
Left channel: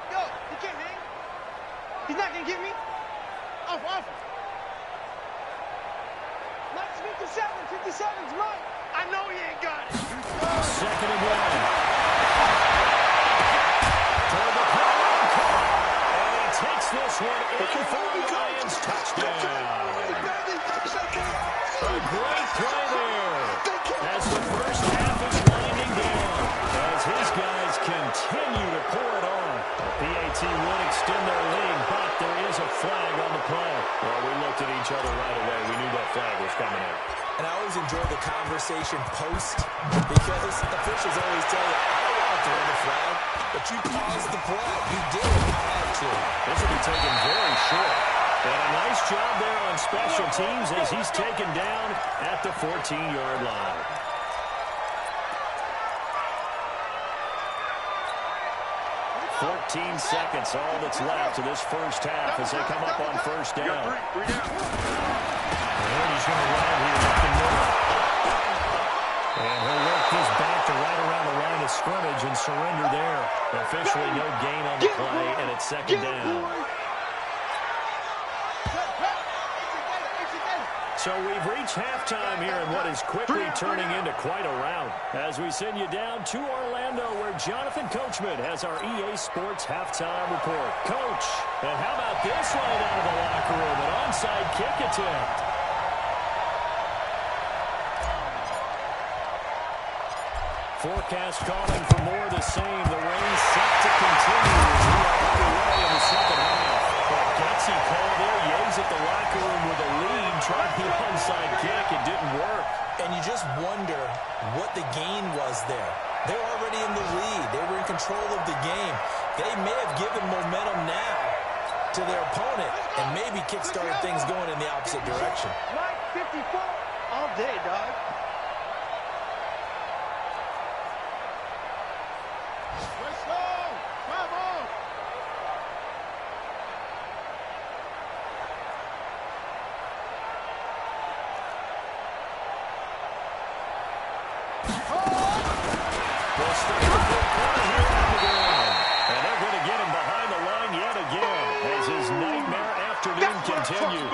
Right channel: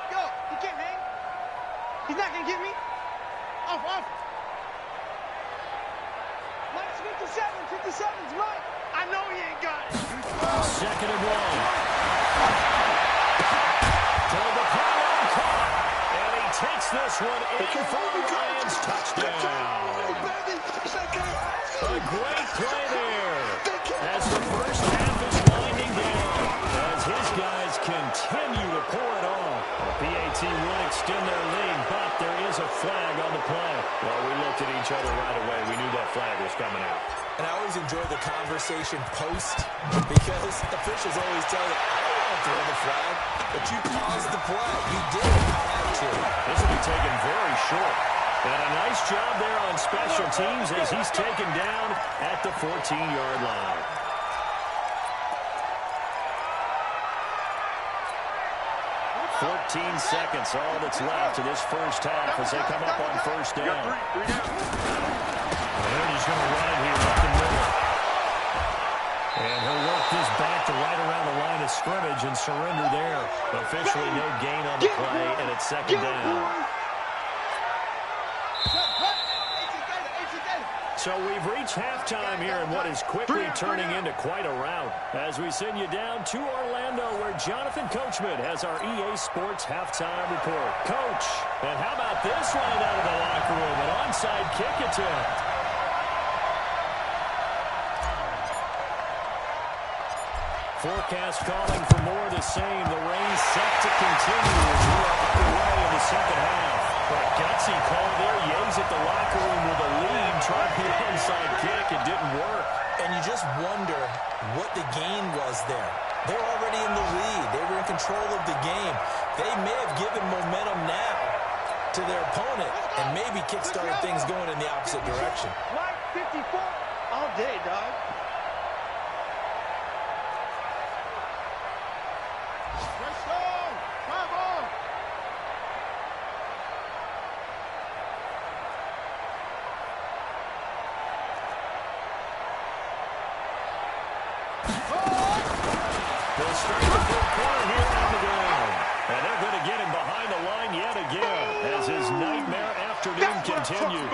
he can't hang. He's not going to get me. Off. Mike's 57. 57's Mike. I know he ain't got it. Second and 1. Toward the pylon caught. And he takes this one in for a Lions touchdown. A great play there as the first half is winding down. As his guys continue to pour it on. The PAT would extend their lead, but there is a flag on the play. Well, we looked at each other right away. We knew that flag was coming out. And I always enjoy the conversation post because officials always tell you, I don't want to throw the flag, but you caused the play. You did. I had to. This will be taken very short. And a nice job there on special teams as he's taken down at the 14-yard line. "14 seconds, all that's left to this first half as they come up on first down. And he's going to run it here up the middle. And he'll work this back to right around the line of scrimmage and surrender there. Officially no gain on the play, and it's second down. So we've reached halftime here in what is quickly turning into quite a rout. As we send you down to Orlando where Jonathan Coachman has our EA Sports halftime report. Coach, and how about this line out of the locker room? An onside kick attempt. Forecast calling for more of the same. The rain set to continue as we are underway in the second half. But a gutsy call there. Yates at the locker room with a lead. Tried the onside kick. It didn't work. And you just wonder what the gain was there. They're already in the lead. They were in control of the game. They may have given momentum now to their opponent and maybe kickstarted things going in the opposite direction. Mike 54 all day, dog. Let's go! Bravo! They'll start the third quarter here on the ground. And they're going to get him behind the line yet again as his nightmare afternoon continues.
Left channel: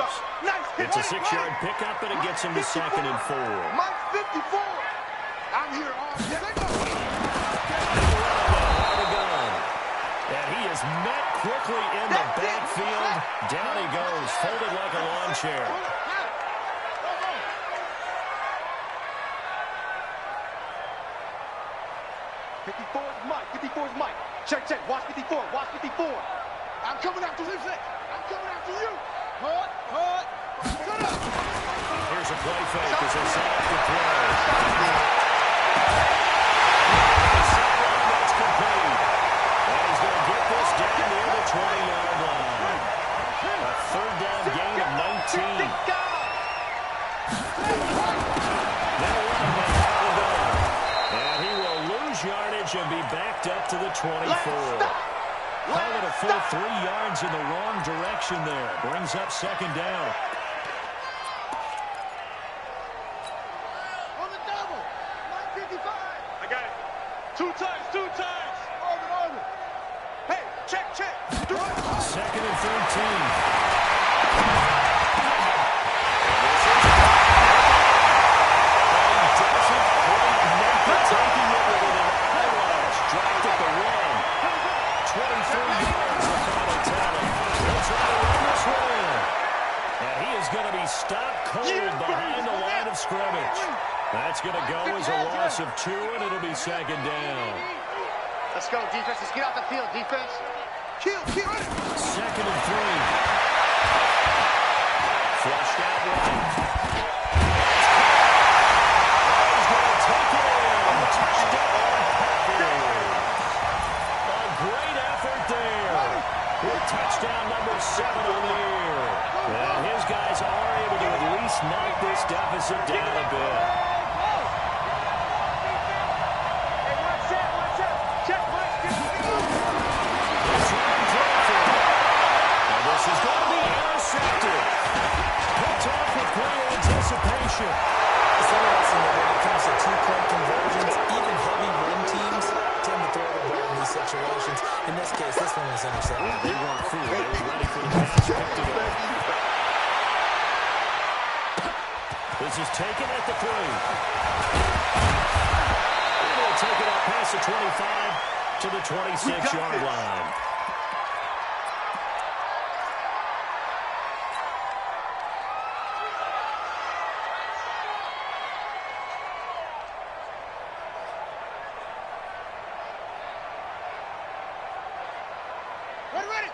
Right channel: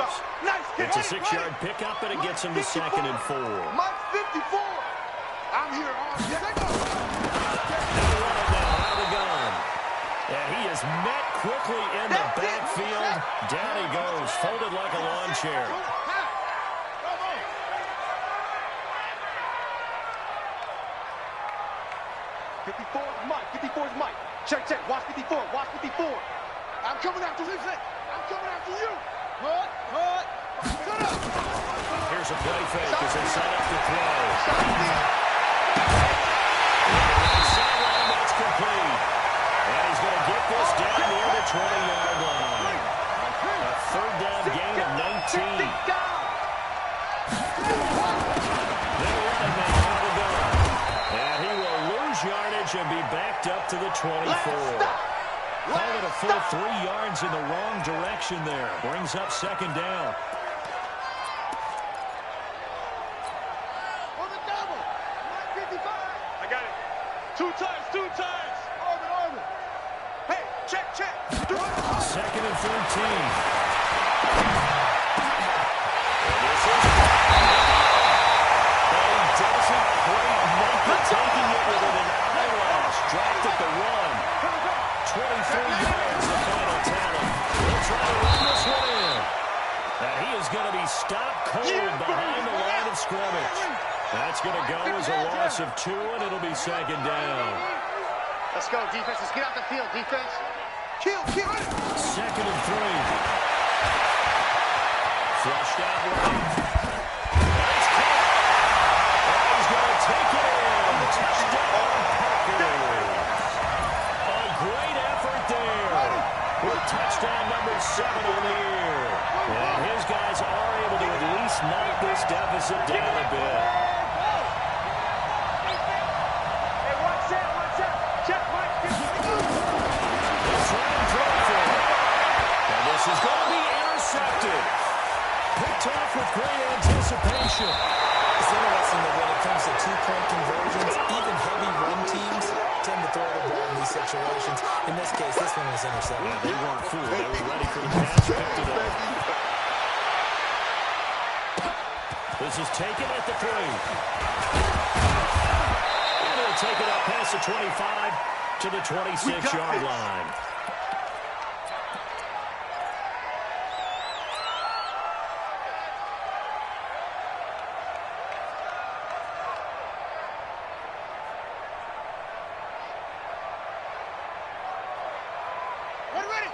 It's a 6-yard pickup, and it gets him to 2nd and 4. Mike 54! I'm here all day. And he is met quickly in the backfield. Down he goes, folded like a lawn chair. 54's Mike. 54's Mike. Check. Watch 54. Watch 54. I'm coming after you. I'm coming after you. Hut. Shut up. Here's a play fake as they set up the throw. Sideline, that's complete. And he's going to get this down near the 20-yard line. A third down gain of 19. They'll run him now out of the gun. And he will lose yardage and be backed up to the 24. Call it a full 3 yards in the wrong direction there. Brings up second down. On the double. Mike 55. I got it. Two times. Orbit. Hey, check. 2nd and 13. Doesn't quite make it, taking it within an eyelash. Dropped at the 1. 23 yards, the final tally. They'll try to run this one in. And he is going to be stopped cold behind the line of scrimmage. That's going to go as a loss of 2, and it'll be second down. Let's go, defense. Let's get out the field, defense. Kill. Second and 3. Flushed out right. That's caught. Oh, he's going to take it in. Touchdown, Packers. A great effort there. With touchdown number 7 on the year. And his guys are able to at least knock this deficit down a bit. Hey, watch out. Check Mike. Let's run through for it. And this is going to be intercepted. Picked off with great anticipation. It's interesting that when it comes to two-point conversions, even heavy run teams tend to throw the ball in these situations. In this case, this one was intercepted. Yeah, they weren't fooled. They were ready for the pass. Picked it off. This is taken at the 3. And he'll take it up past the 25 to the 26-yard line.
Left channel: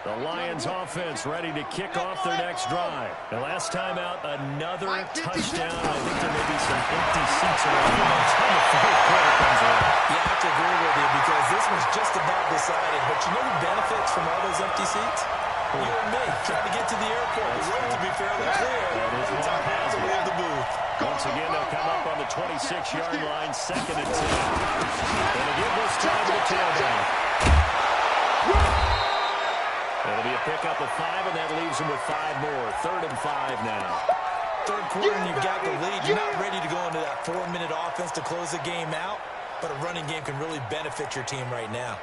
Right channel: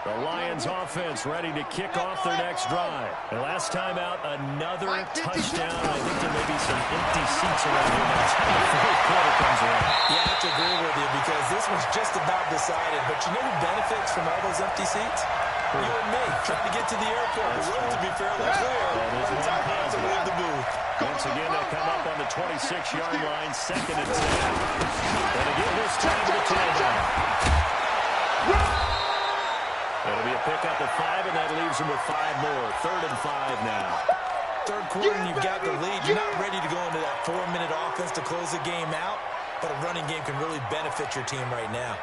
The Lions offense ready to kick off their next drive. And last time out, another touchdown. I think there may be some empty seats around here by the time the fourth quarter comes around. Yeah, I have to agree with you because this one's just about decided. But you know who benefits from all those empty seats? You and me, trying to get to the airport. The road to be fairly clear. That is one positive. Leave the booth. Once again, they'll come up on the 26-yard line, 2nd and 10. And again, this time to the tailback. It'll be a pickup of 5, and that leaves them with 5 more. 3rd and 5 now. Third quarter, and you've got the lead. You're not ready to go into that 4-minute offense to close the game out, but a running game can really benefit your team right now.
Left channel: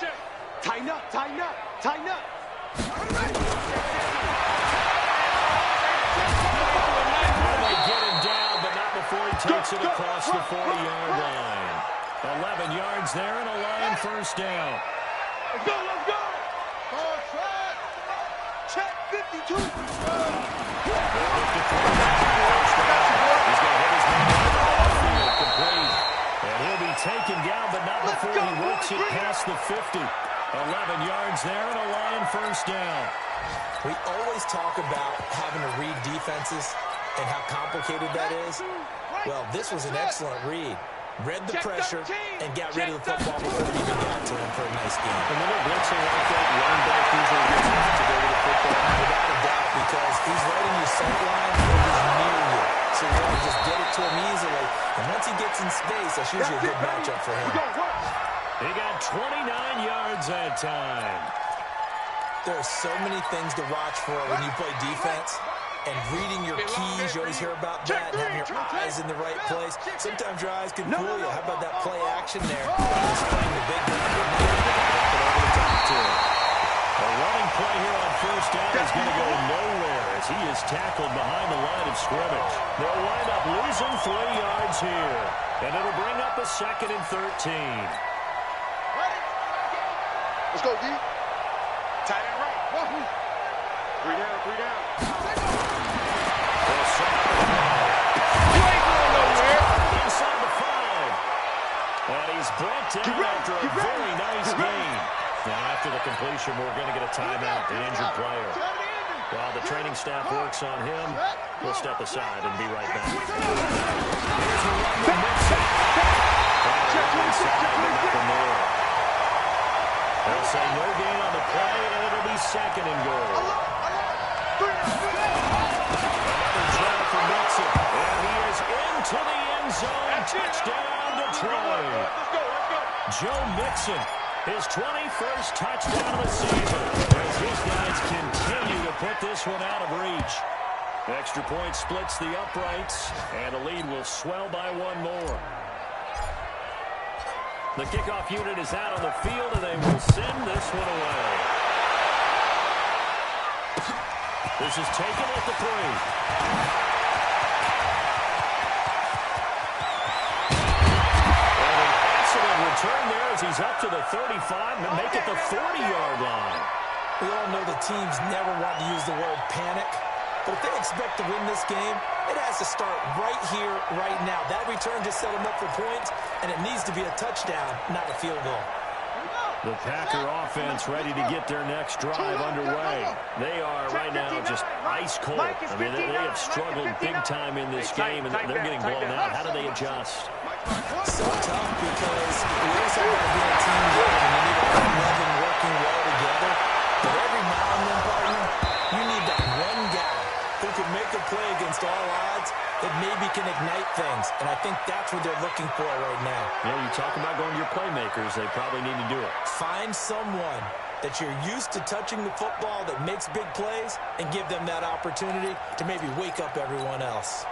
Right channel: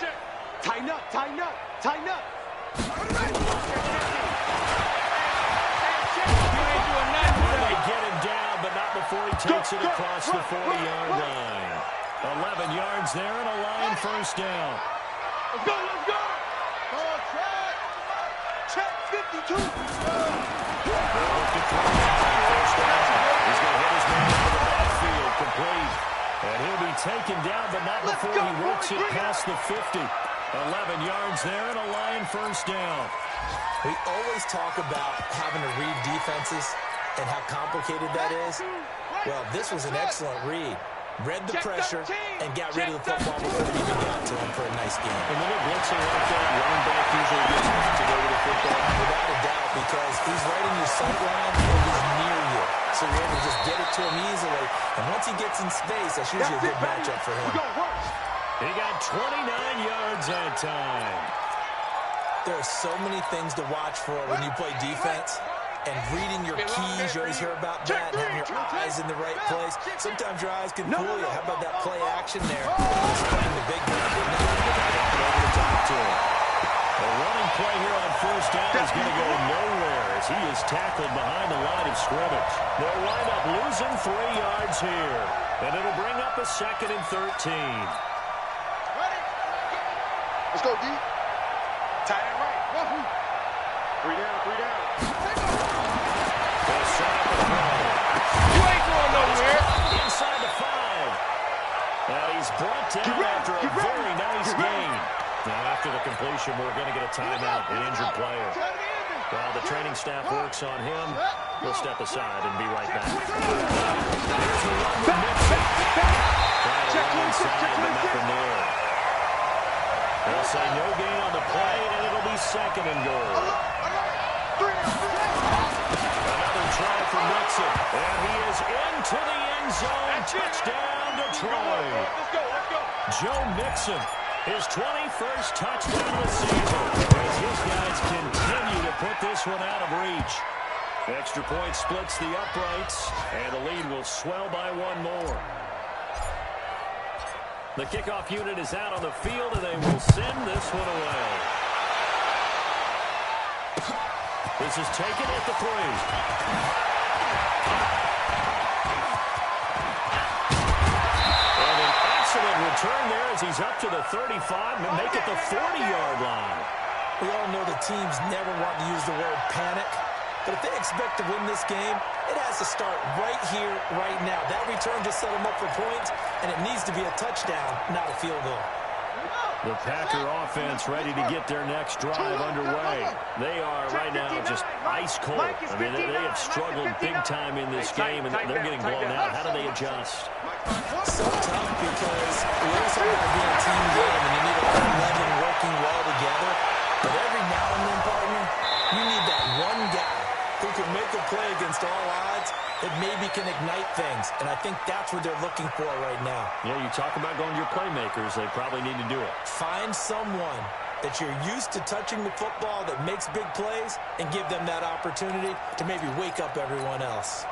Check. Tighten up. They get him down, but not before he takes it across the 40-yard line. 11 yards there and a Lion first down. Let's go. Ball track. Check 52. They'll look to throw that first down. He's going to hit his man into the backfield, complete. And he'll be taken down, but not before he works it past the 50. 11 yards there and a Lion first down. We always talk about having to read defenses and how complicated that is. Well, this was an excellent read. Read the pressure and got rid of the football before it even got to him for a nice game. And when they're blitzing like that, running back usually gets left to go with the football. Without a doubt, because he's right in your sight line and he's near you. So you're able to just get it to him easily. And once he gets in space, that's usually a good matchup for him. He got 29 yards that time. There are so many things to watch for when you play defense. And reading your keys, you always hear about that, and having your eyes in the right place. Sometimes your eyes can fool you. How about that play action there? Just playing the big guy. Over the top to him. The running play here on first down is going to go nowhere as he is tackled behind the line of scrimmage. They'll wind up losing 3 yards here. And it'll bring up a 2nd and 13. Let's go, D. Tight end right. 3 down. They'll set up a throw. You ain't going nowhere. Inside the 5. And he's brought down after a very nice gain. Now, after the completion, we're going to get a timeout, an injured player. While the training staff works on him, we'll step aside and be right back. Here's the run with Mixon. Trying to run inside, but nothing there. They'll say no gain on the play, and it'll be 2nd and goal. Another try for Mixon, and he is into the end zone. Touchdown, Detroit. Let's go. Joe Mixon, his 21st touchdown of the season, as his guys continue to put this one out of reach. Extra point splits the uprights, and the lead will swell by 1 more. The kickoff unit is out on the field, and they will send this one away. This is taken at the 3. And an excellent return there as he's up to the 35 and make it the 40-yard line. We all know the teams never want to use the word panic, But if they expect to win this game, it has to start right here, right now. That return just set them up for points, and it needs to be a touchdown, not a field goal. The Packer offense ready to get their next drive underway. They are right now just ice cold. I mean, they have struggled big time in this game, and they're getting blown out. How do they adjust? So tough because we always have to be a team game, and you need all 11 working well together. But every now and then, partner, you need that one guy who can make a play against all odds that maybe can ignite things. And I think that's what they're looking for right now. Yeah, you talk about going to your playmakers. They probably need to do it. Find someone that you're used to touching the football that makes big plays and give them that opportunity to maybe wake up everyone else.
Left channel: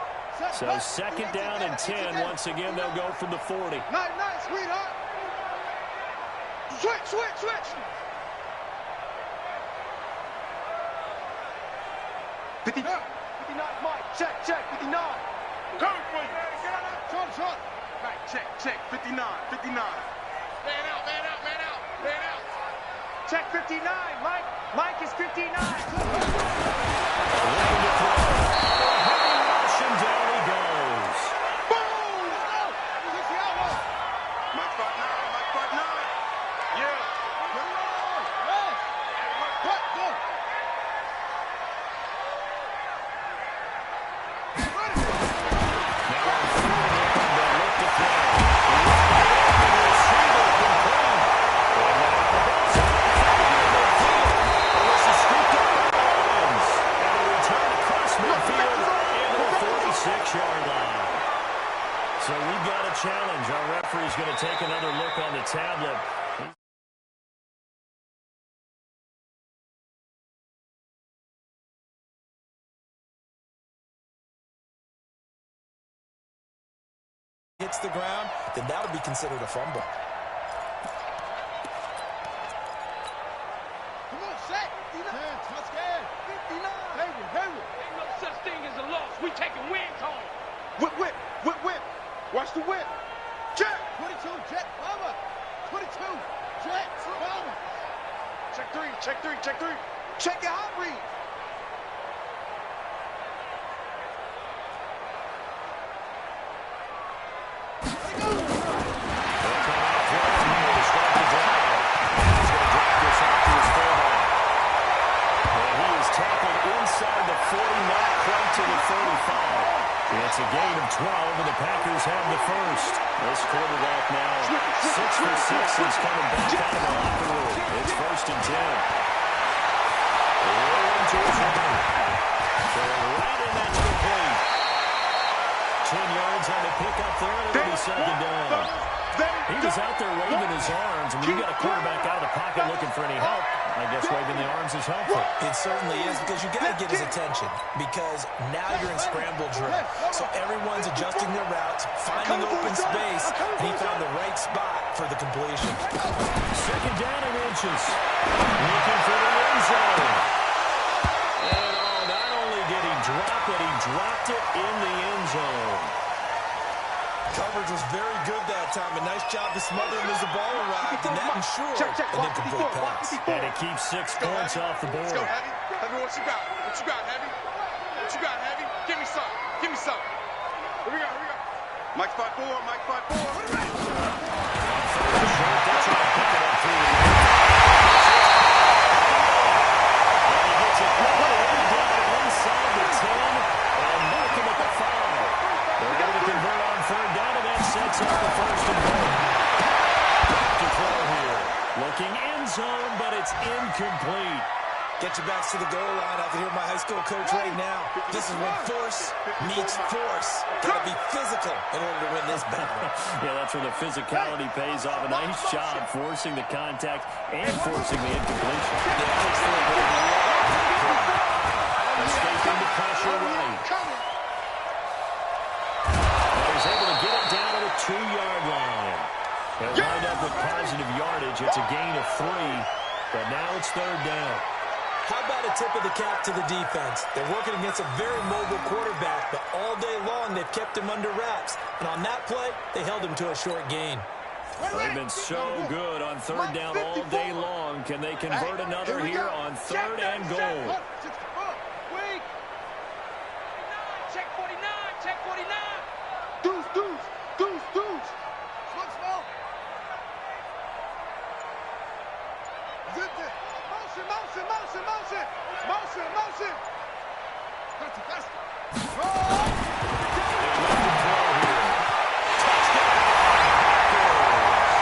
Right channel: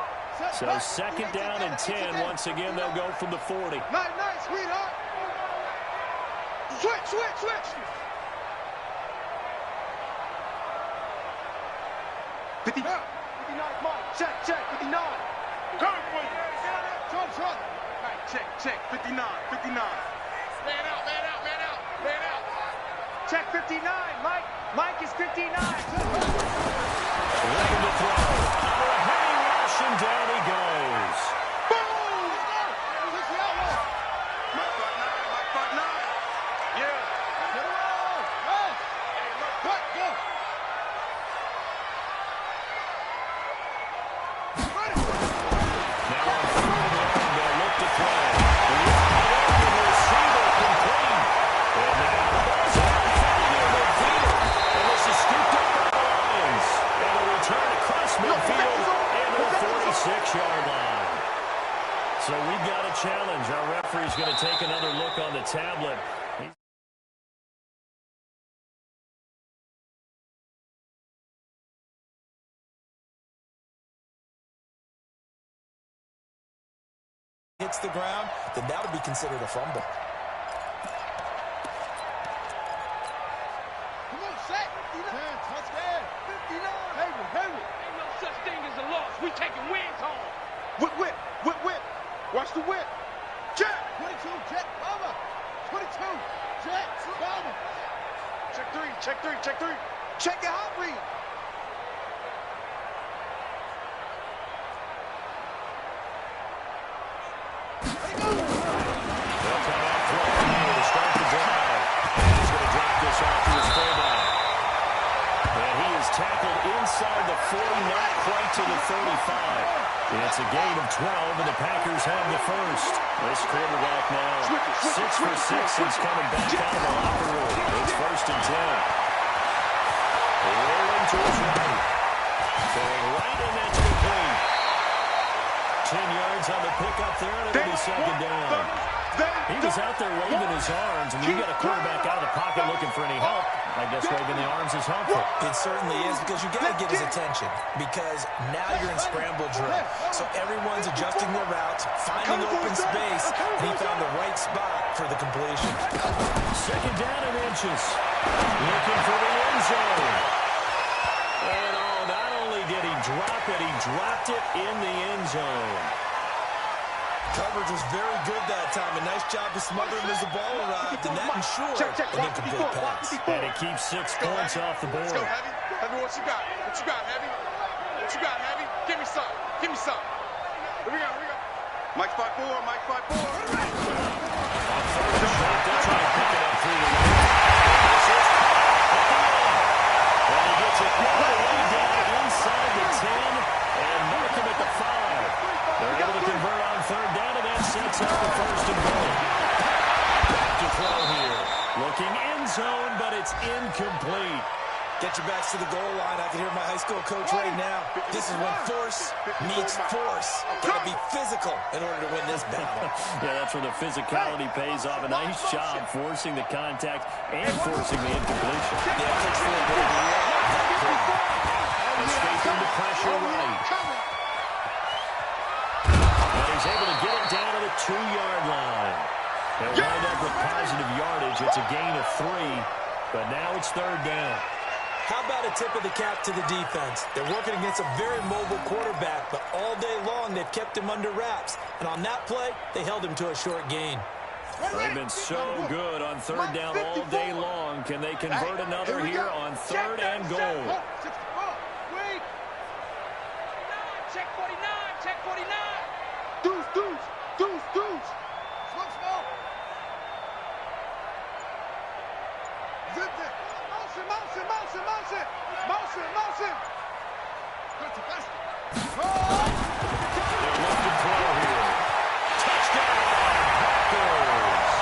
So second down and 10. Once again, they'll go from the 40. Nice, sweetheart. Switch. 59, Mike. Check. 59. Come for you. Get on that. Short. Mike, check. 59. Man out. Check 59, Mike. Mike is 59. Looking to throw. Under a heavy rush, and down he goes. Boom! Let's go. Who's the outlaw? Mike 59. Yeah. Get it on. Yes. Hey, Mike, what? Go. Now on third down, they'll look to throw. The receiver complete. And now the ball's out in front of midfield. And this is scooped up by the Lions. And a return across midfield into the 46-yard line. So we've got a challenge. Our referee's going to take another look on the tablet. Hits the ground, then that would be considered a fumble. Come on, set. 10, touchdown. 59. Hayward. Ain't no such thing as a loss. We taking wins home. Whip. Watch the whip. Jet. 22, Jet. Bomber. 22, Jet. Bomber. Check three. Check your hot read. Tackled inside the 40, not quite to the 35. It's a gain of 12, and the Packers have the first. This quarterback now 6 for 6 since coming back out of the locker room. It's first and 10. Rolling to his right. Going right, and that's complete. 10 yards on the pickup there, and it'll be second down. He was out there waving his arms, and when you got a quarterback out of the pocket looking for any help, I guess waving the arms is helpful. It certainly is, because you got to get his attention, because now you're in scramble drill. So everyone's adjusting their routes, finding open space, and he found the right spot for the completion. Second down and inches. Looking for the end zone. And not only did he drop it, he dropped it in the end zone. Coverage was very good that time. A nice job to smother him as the ball arrived, and that ensured an incomplete pass. And it keeps 6 points off the board. Let's go, Heavy. Heavy, what you got, Heavy? Give me some. Here we go. Mike 5-4. On third and short, they'll try to pick it up through the air. And he gets it all the way down inside the 10 and mark him at the 5. They're able to convert on third down, and that sets up the first and goal. Back to throw here. Looking end zone, but it's incomplete. Get your backs to the goal line. I can hear my high school coach right now. This is when force meets force. Got to be physical in order to win this battle. Yeah, that's where the physicality pays off. A nice job forcing the contact and forcing the incompletion. Escaping the pressure right. And he's able to get it down to the 2-yard line. They'll wind up with positive yardage. It's a gain of 3, but now it's third down. How about a tip of the cap to the defense? They're working against a very mobile quarterback, but all day long they've kept him under wraps. And on that play, they held him to a short gain. They've been so good on third down all day long. Can they convert another here on third and goal? Check 49. Check 49. Deuce, deuce, deuce, deuce. Smoke, smoke. Zip it. Motion, motion, motion, motion. Motion, motion. That's a basket. They're left to throw here. Touchdown, Packers.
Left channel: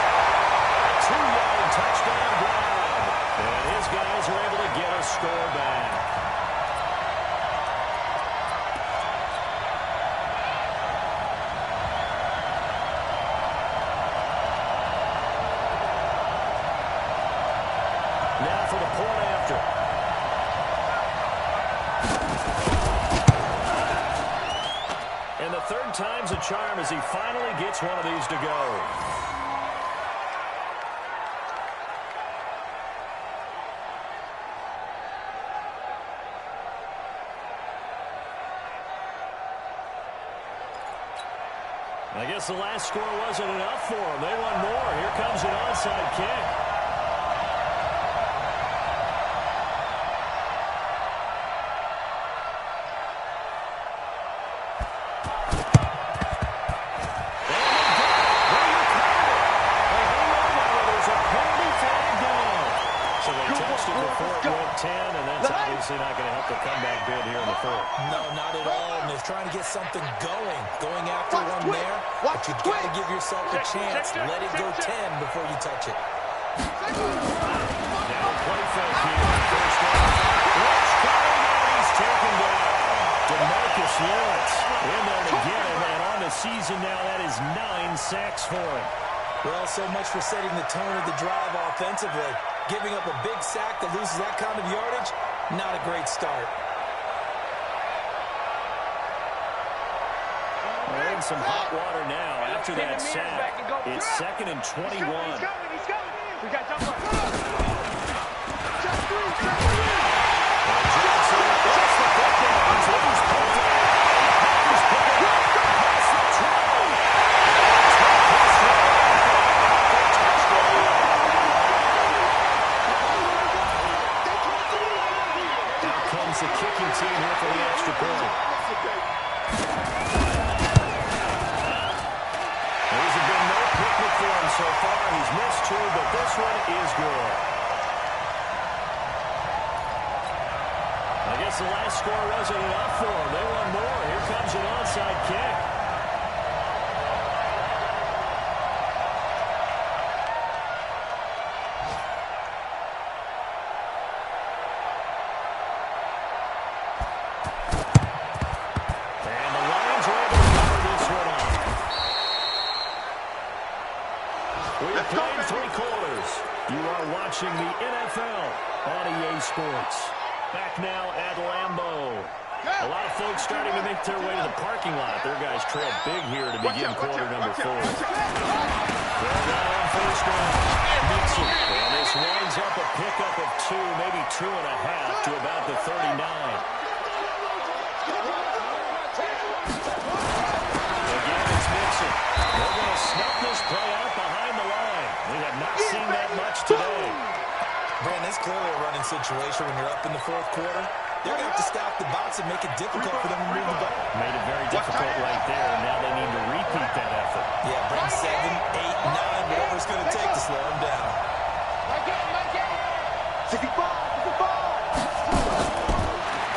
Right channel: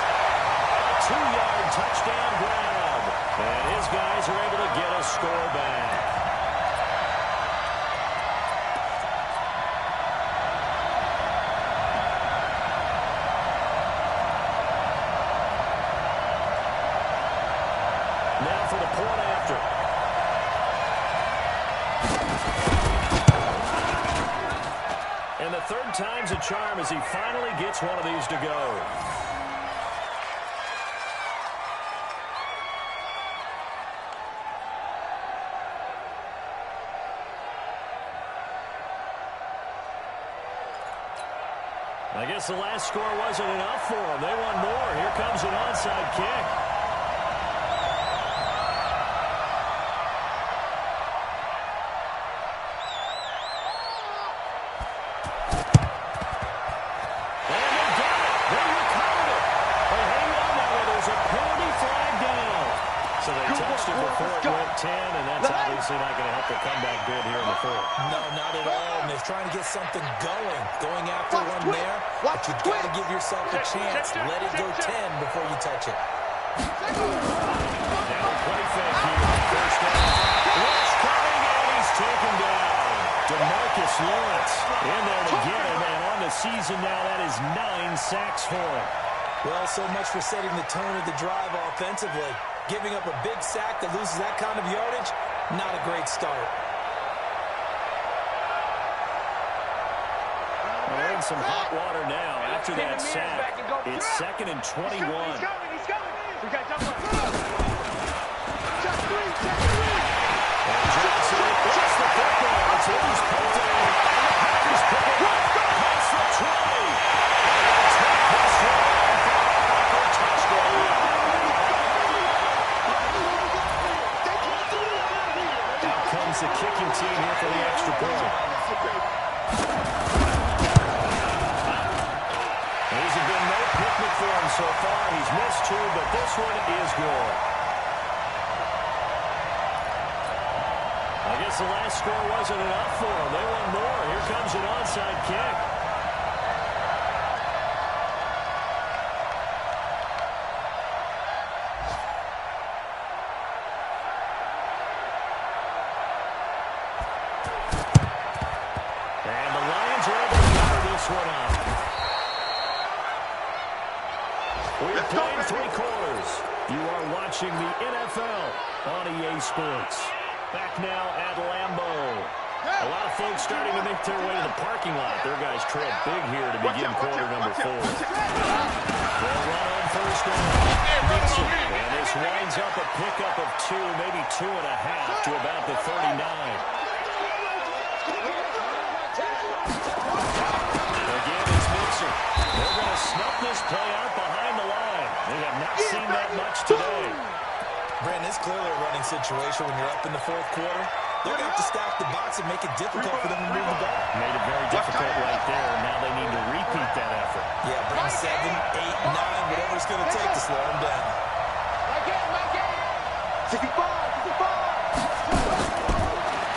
A 2-yard touchdown grab. And his guys are able to get a score back. Now for the point after. And the third time's a charm as he finally gets one of these to go. I guess the last score wasn't enough for them. They want more. Here comes an onside kick. So they touched it before it went 10, and that's obviously not going to help the comeback bid here in the fourth. No, not at all. And they're trying to get something going after one there. But you've got to give yourself a chance. Let it go 10 before you touch it. Now a play fake here. First down. Lynch coming, and he's taken down. DeMarcus Lawrence in there to get him, and on the season now, that is 9 sacks for him. Well, so much for setting the tone of the drive offensively. Giving up a big sack that loses that kind of yardage, not a great start. We're in some hot water now after that sack. It's 2nd and 21. He's coming, he's coming. We got jump up. Check three. And Johnson gets the football. It's loose punted. And the Packers pick it up. Pass the try. The kicking team here for the extra point. These have been no picnic for him so far. He's missed 2, but this one is good. I guess the last score wasn't enough for him. They want more. Here comes an onside kick. Playing 3 quarters. You are watching the NFL on EA Sports. Back now at Lambeau. A lot of folks starting to make their way to the parking lot. Their guys trail big here to begin quarter number 4. They'll run on first down. Mixon. And this winds up a pickup of 2, maybe 2.5 to about the 39. Again, it's Mixon. They're going to snuff this play out behind the line. We have not seen that much today. Brandon, it's clearly a running situation when you're up in the 4th quarter. They're going to have to stack the box and make it difficult for them to move the ball. Made it very difficult right there. Now they need to repeat that effort. Yeah, bring 7, 8, 9, whatever it's going to take to slow them down. My game. 65.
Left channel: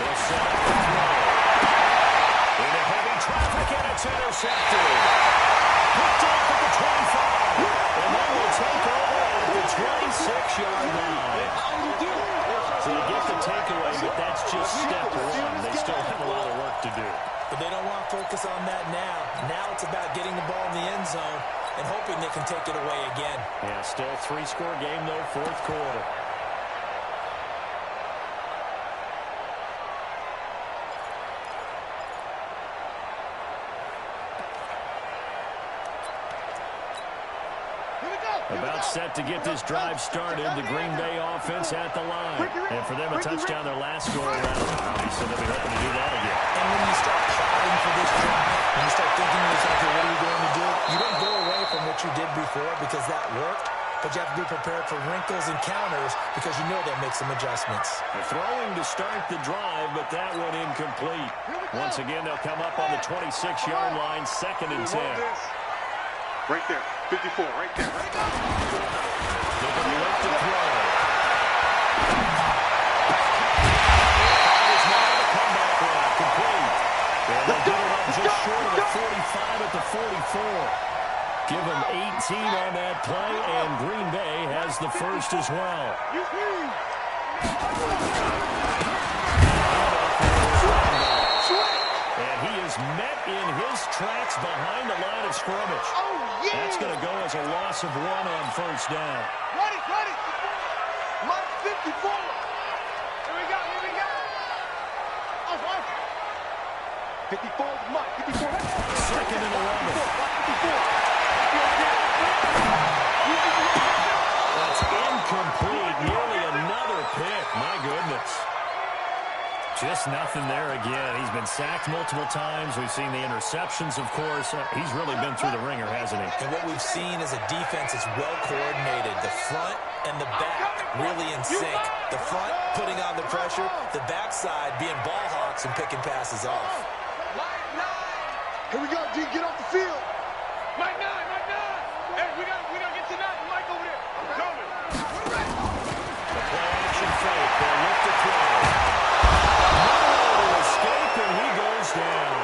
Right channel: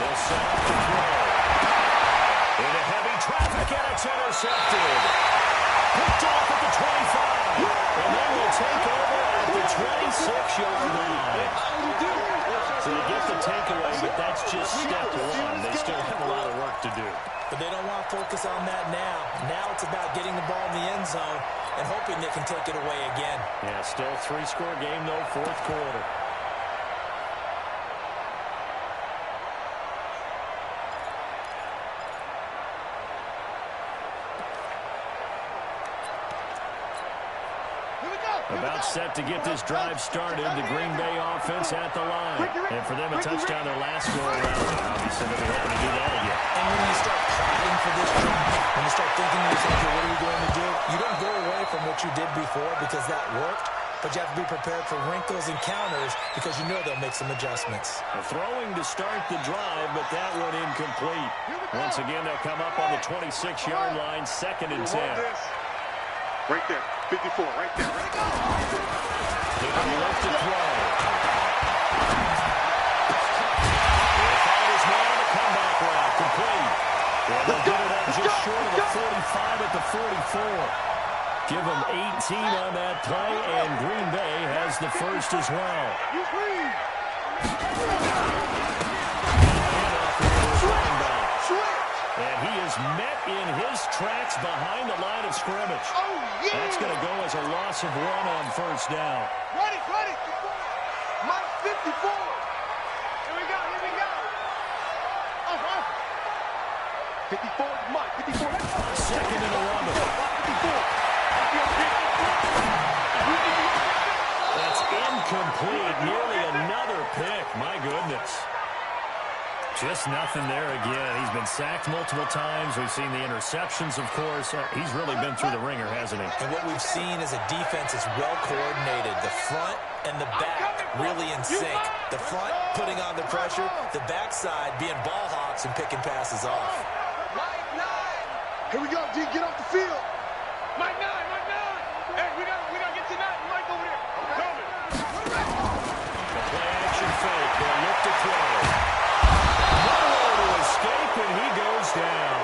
They'll set up the throw. Into heavy traffic, and it's intercepted. Picked off at the 25. And then we'll take over at the 26-yard line. So they get the takeaway, but that's just step 1. They still have a lot of work to do. But they don't want to focus on that now. Now it's about getting the ball in the end zone and hoping they can take it away again. Yeah, still a 3-score game, though, 4th quarter. About set to get this drive started. The Green Bay offense at the line. And for them, a touchdown their last go-around. Obviously, they'll be hoping to do that again. And when you start plotting for this drive, when you start thinking to yourself, what are we going to do? You don't go away from what you did before because that worked. but you have to be prepared for wrinkles and counters because you know they'll make some adjustments. They're throwing to start the drive, but that one incomplete. Once again, they'll come up on the 26-yard line, 2nd and 10. Right there, 54, right there. Ready, go! Looking to look to throw. That is now the comeback route, complete. And they'll get it up just short of the 45 at the 44. Give them 18 on that play, and Green Bay has the first as well. And he is met in his tracks behind the line of scrimmage. Oh, yeah! That's going to go as a loss of 1 on first down. Ready! Mike 54! Here we go! Off! 54 is Mike, 54. 2nd and 11. 54. That's incomplete. Nearly another pick. My goodness. Just nothing there again. He's been sacked multiple times. We've seen the interceptions, of course. He's really been through the ringer, hasn't he? And what we've seen is a defense that's well coordinated. The front and the back really in sync. The front putting on the pressure, the backside being ball hawks and picking passes off. Mike 9. Here we go, D. Get off the field. Mike 9. Hey, we gotta get to 9. Mike over there. I'm coming. The play action fake. They'll look to throw. Nowhere to escape, and he goes down.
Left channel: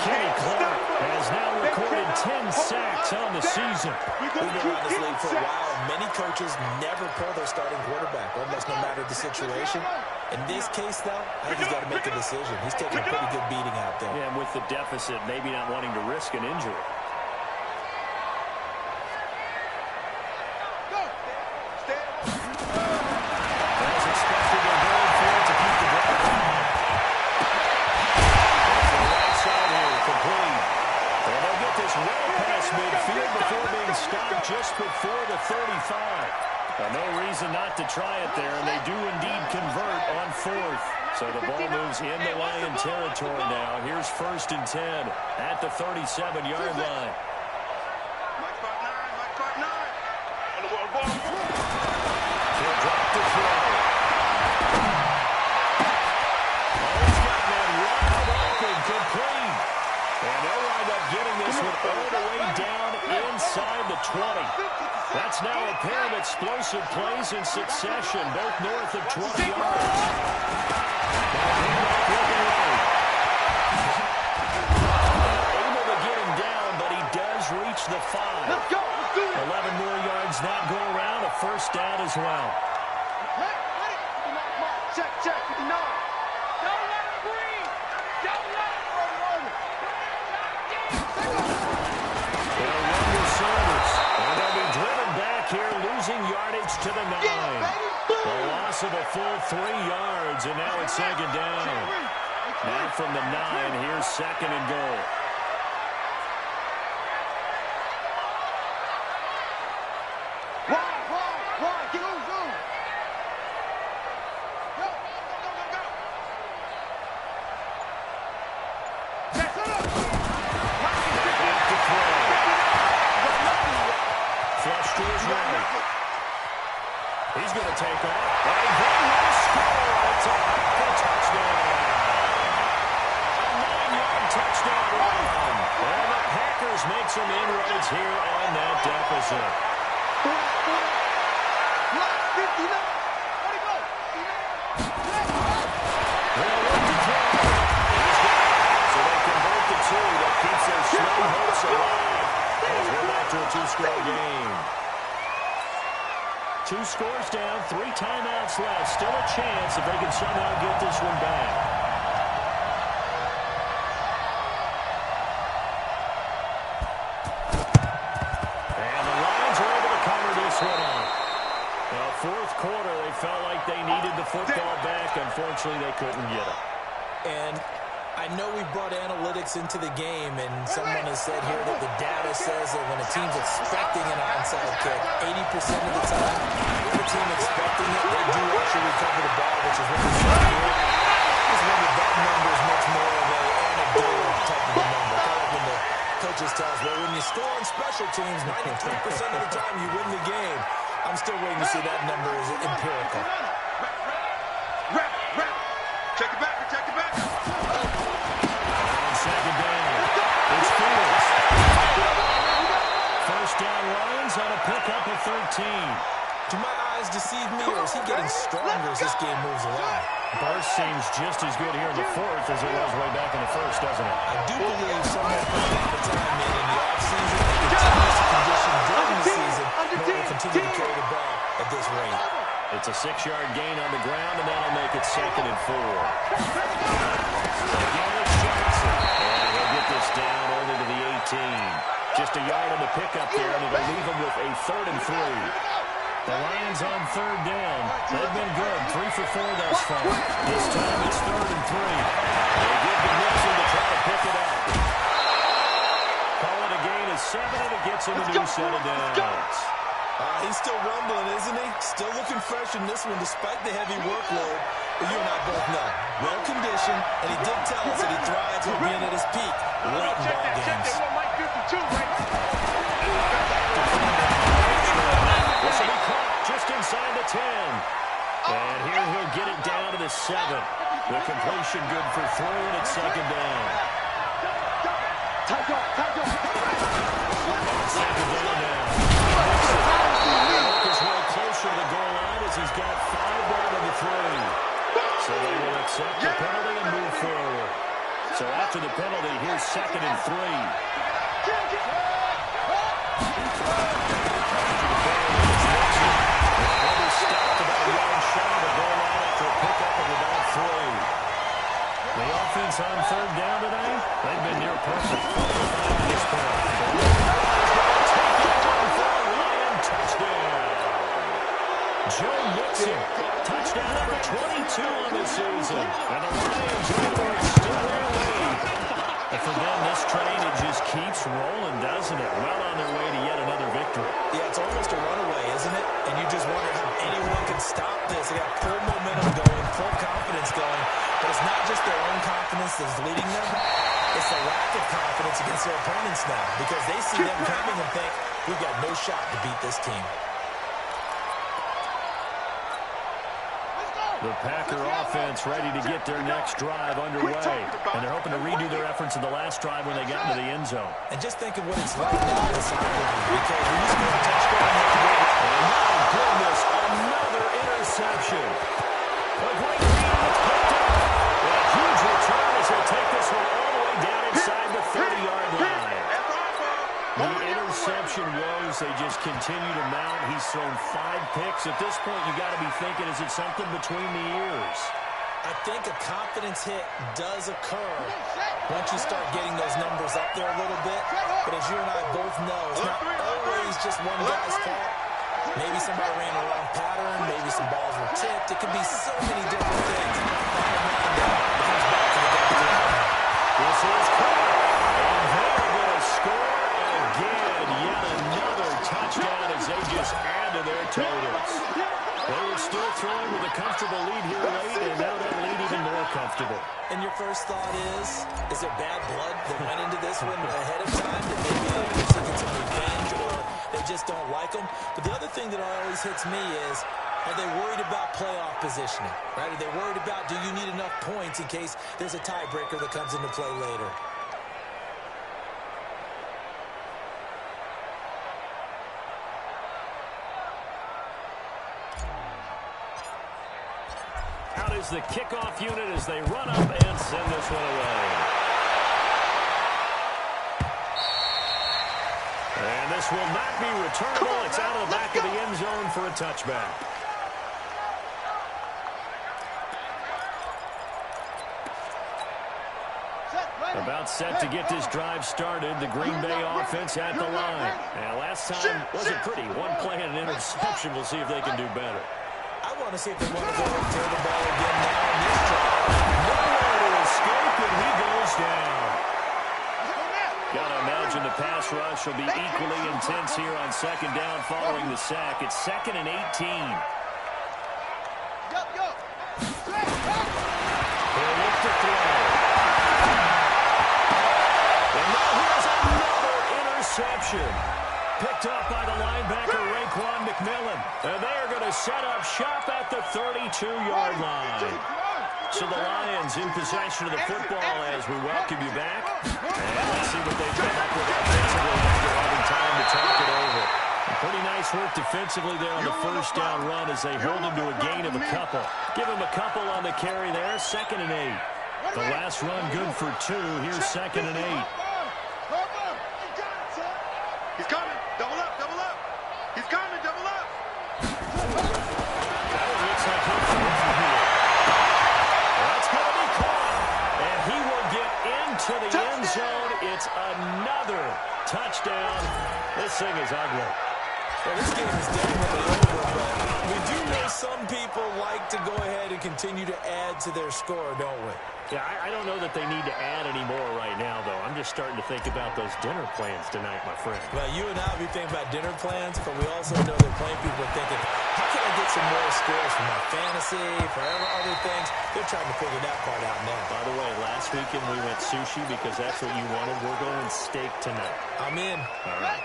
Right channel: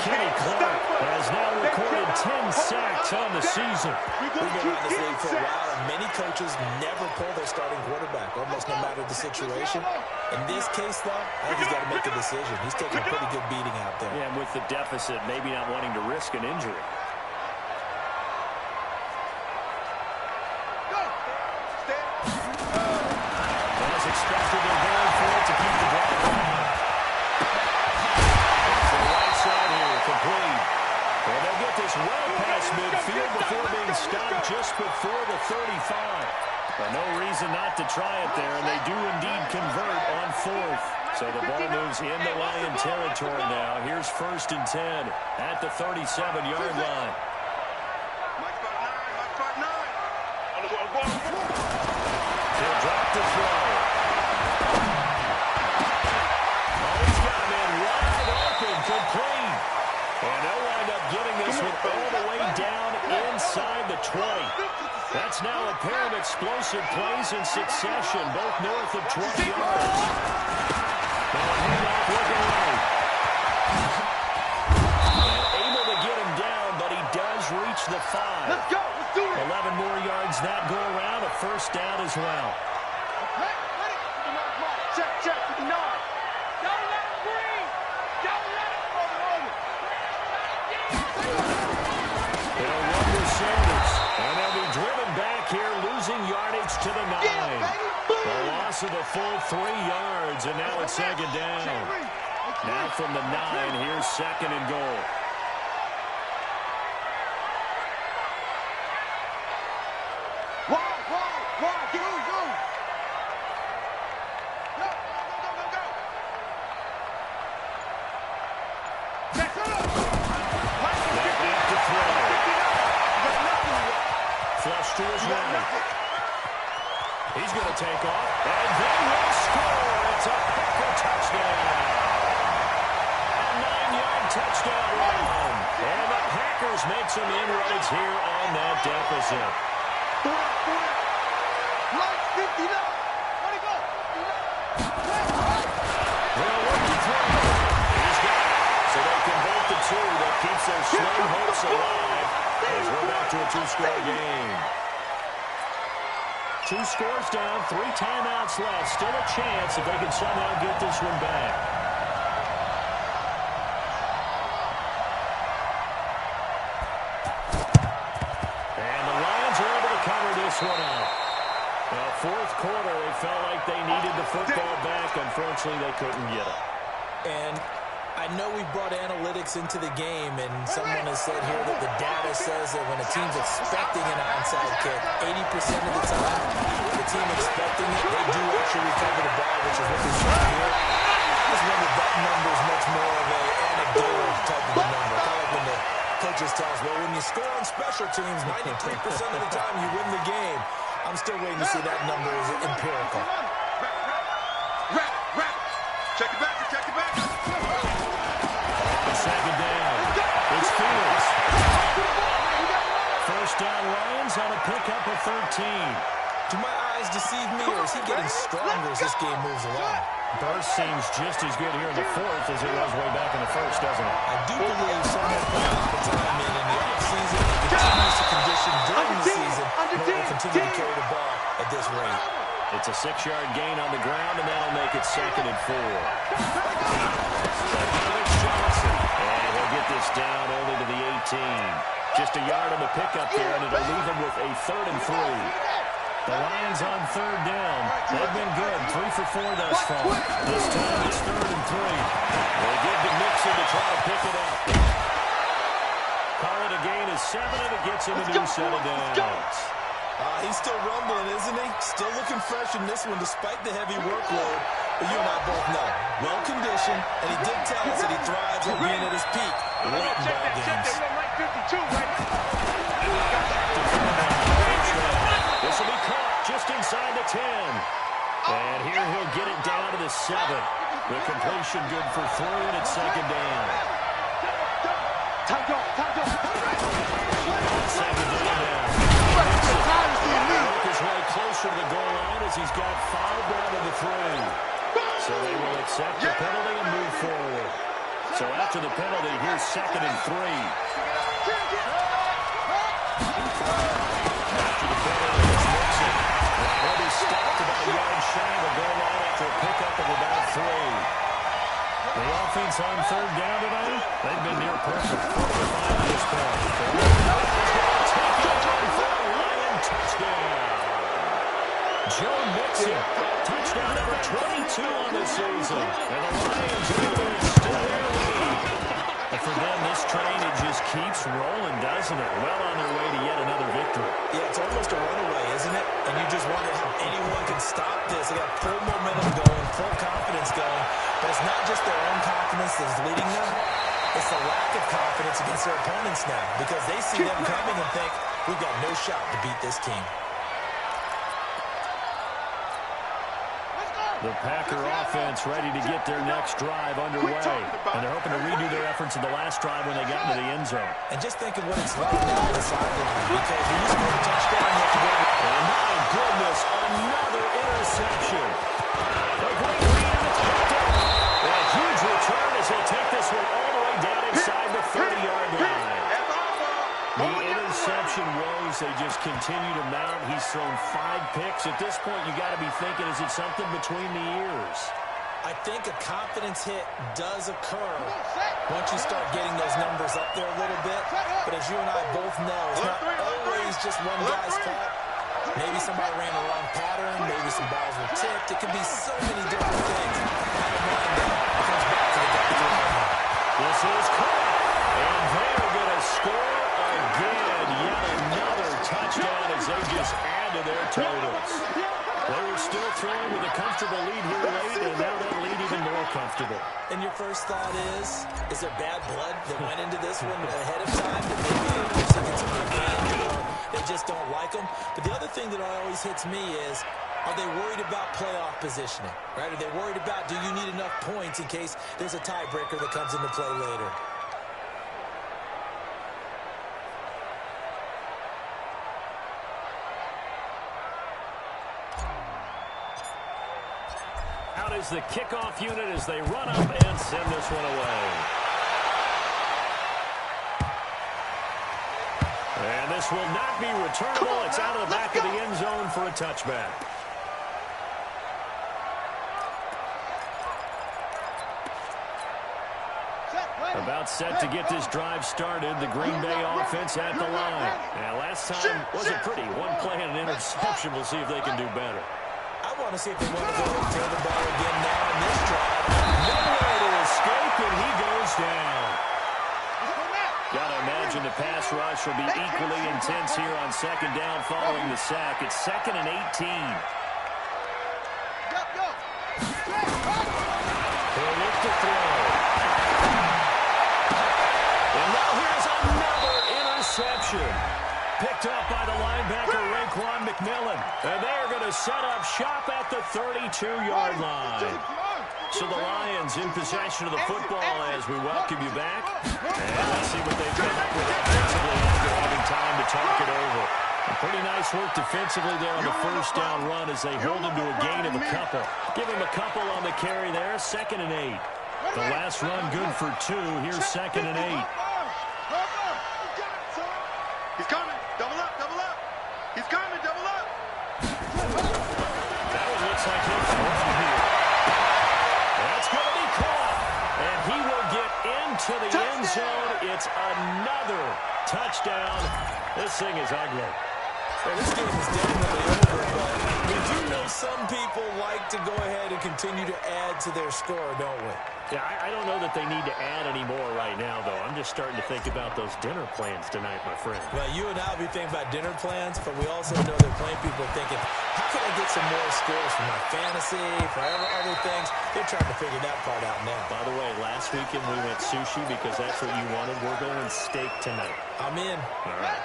Kenny Clark has now recorded 10 sacks on the season. We've been around this league for a while, and many coaches never pull their starting quarterback, almost no matter the situation. In this case, though, I think he's got to make a decision. He's taking a pretty good beating out there. Yeah, and with the deficit, maybe not wanting to risk an injury. As expected, they're going for it to keep the drive alive. To the right side here, complete. And they'll get this well past midfield before being stopped just before the 35. No reason not to try it there, and they do indeed convert on 4th. So the ball moves into Lion territory now. Here's 1st and 10 at the 37-yard line. Mike 5'9". On the ball. He'll drop the throw. Oh, he's got a man wide open, complete. And they'll wind up getting this one all the way down inside the 20. That's now a pair of explosive plays in succession, both north of 20 yards. Now a handoff looking right. And able to get him down, but he does reach the 5. Let's go. Let's do it. 11 more yards that go around, a first down as well. Ready. 59, Mike. Check. 59. Don't let him breathe. Don't let him breathe. They'll run with Sanders, and they'll be driven back here, losing yardage to the 9. A loss of a full 3 yards, and now it's 2nd down. Now from the 9, here's 2nd and goal. Why? Get on, go. Go. Back to throw. Flush to his right. He's going to take off, and they will score. It's a Packer touchdown. A 9-yard touchdown run. And the Packers make some inroads here on that deficit. 59. Let it go. 59. They'll look to throw. He's got it. So they convert the 2. That keeps their slow hopes alive as we're back to a 2-score game. 2 scores down, 3 timeouts left. Still a chance if they can somehow get this one back. And the Lions are able to cover this one up. Well, 4th quarter, they felt like they needed the football back. Unfortunately, they couldn't get it. And I know we brought analytics into the game, and someone has said here that the data says that when a team's expecting an onside kick, 80% of the time, the team expecting it, they do actually recover the ball, which is what we're showing here. I just wonder if that number is much more of an anecdotal type of a number. Kind of like when the coaches tell us, well, when you score on special teams, 93% of the time you win the game. I'm still waiting to see that number is empirical. Check it back. On second down, it's Fields. First down, Lions on a pickup of 13. Do my eyes deceive me, or is he getting stronger as this game moves along? Burst seems just as good here in the fourth as it was way back in the first, doesn't it? I do believe someone put a lot of time in the offseason and continues to condition during the season in order to continue to carry the ball at this rate. It's a 6-yard gain on the ground, and that'll make it 2nd and 4. Again, it's Johnson. And he'll get this down only to the 18. Just a yard on the pickup there, and it'll leave him with a 3rd and 3. The Lions on 3rd down. They've been good. 3 for 4 thus far. This time it's 3rd and 3. They give to Mixon to try to pick it up. Call it a gain of 7, and it gets him a new set of downs. He's still rumbling, isn't he? Still looking fresh in this one despite the heavy workload. But you and I both know, well-conditioned, and he did tell us that he thrives on being at his peak late in ball games. This will be caught just inside the 10. And here he'll get it down to the 7. The completion good for 3, and it's 2nd down. On 2nd down now. Work his way closer to the goal line as he's got 5 down to the 3. So they will accept the penalty and move forward. So after the penalty, here's 2nd and 3. After the penalty, it's Mixon. He'll be stopped about a yard shy of the goal line after a pickup of about 3. The offense on 3rd down tonight, they've been near perfect. 4 for 5 at this point. Take it on for a Lion touchdown. Joe Mixon, touchdown number 22 on the season. And the Lions able to extend their lead. And for them, this train, it just keeps rolling, doesn't it? Well on their way to yet another victory. Yeah, it's almost a runaway, isn't it? And you just wonder how anyone can stop this. They got full momentum going, full confidence going. But it's not just their own confidence that's leading them. It's the lack of confidence against their opponents now because they see them coming and think, we've got no shot to beat this team. The Packer offense ready to get their next drive underway. And they're hoping to redo their efforts in the last drive when they got into the end zone. And just think of what it's like now on the sideline because when you score a touchdown, you have to go. And my goodness, another interception. A great read, and it's picked up. And a huge return as he'll take this one all the way down inside the 30-yard line. The interception woes, they just continue to mount. He's thrown 5 picks. At this point, you got to be thinking, is it something between the ears? I think a confidence hit does occur once you start getting those numbers up there a little bit. But as you and I both know, it's not always just one guy's fault. Maybe somebody ran a wrong pattern. Maybe some balls were tipped. It could be so many different things. Bottom line, though, it comes back to the guy throwing it. This is caught. And they're going to score again. Yet another touchdown as they just add to their totals. They were still throwing with a comfortable lead here late, and now that lead even more comfortable. And your first thought is there bad blood that went into this one ahead of time? That maybe they're seeking some revenge or they just don't like them? But the other thing that always hits me is, are they worried about playoff positioning? Right? Are they worried about, do you need enough points in case there's a tiebreaker that comes into play later? Out is the kickoff unit as they run up and send this one away. And this will not be returnable. It's out of the back of the end zone for a touchback. About set to get this drive started. The Green Bay offense at the line. Now, last time wasn't pretty. One play and an interception. We'll see if they can do better. I want to see if they want to go and throw the ball again now on this drive. Nowhere to escape, and he goes down. Got to imagine the pass rush will be equally intense here on 2nd down following the sack. It's 2nd and 18. He'll look to throw. And now here's another interception. picked up by the linebacker, Raekwon McMillan. And they're going to set up shop at the 32-yard line. So the Lions in possession of the football as we welcome you back. And let's see what they've come up with offensively after having time to talk it over. And pretty nice work defensively there on the first down run as they hold him to a gain of a couple. Give him a couple on the carry there, 2nd and 8. The last run good for 2. Here's 2nd and 8. He's coming. Double up, double up. He's coming, double up. That one looks like he'll throw here. That's going to be caught. And he will get into the end zone. It's another touchdown. This thing is ugly. Well, this game is definitely over, but we do know some people like to go ahead and continue to add to their score, don't we? Yeah, I don't know that they need to add any more right now, though. I'm just starting to think about those dinner plans tonight, my friend. Well, you and I will be thinking about dinner plans, but we also know they're playing people are thinking, how can I get some more scores for my fantasy, for other things? They're trying to figure that part out now. By the way, last weekend we went sushi because that's what you wanted. We're going steak tonight. I'm in. All right.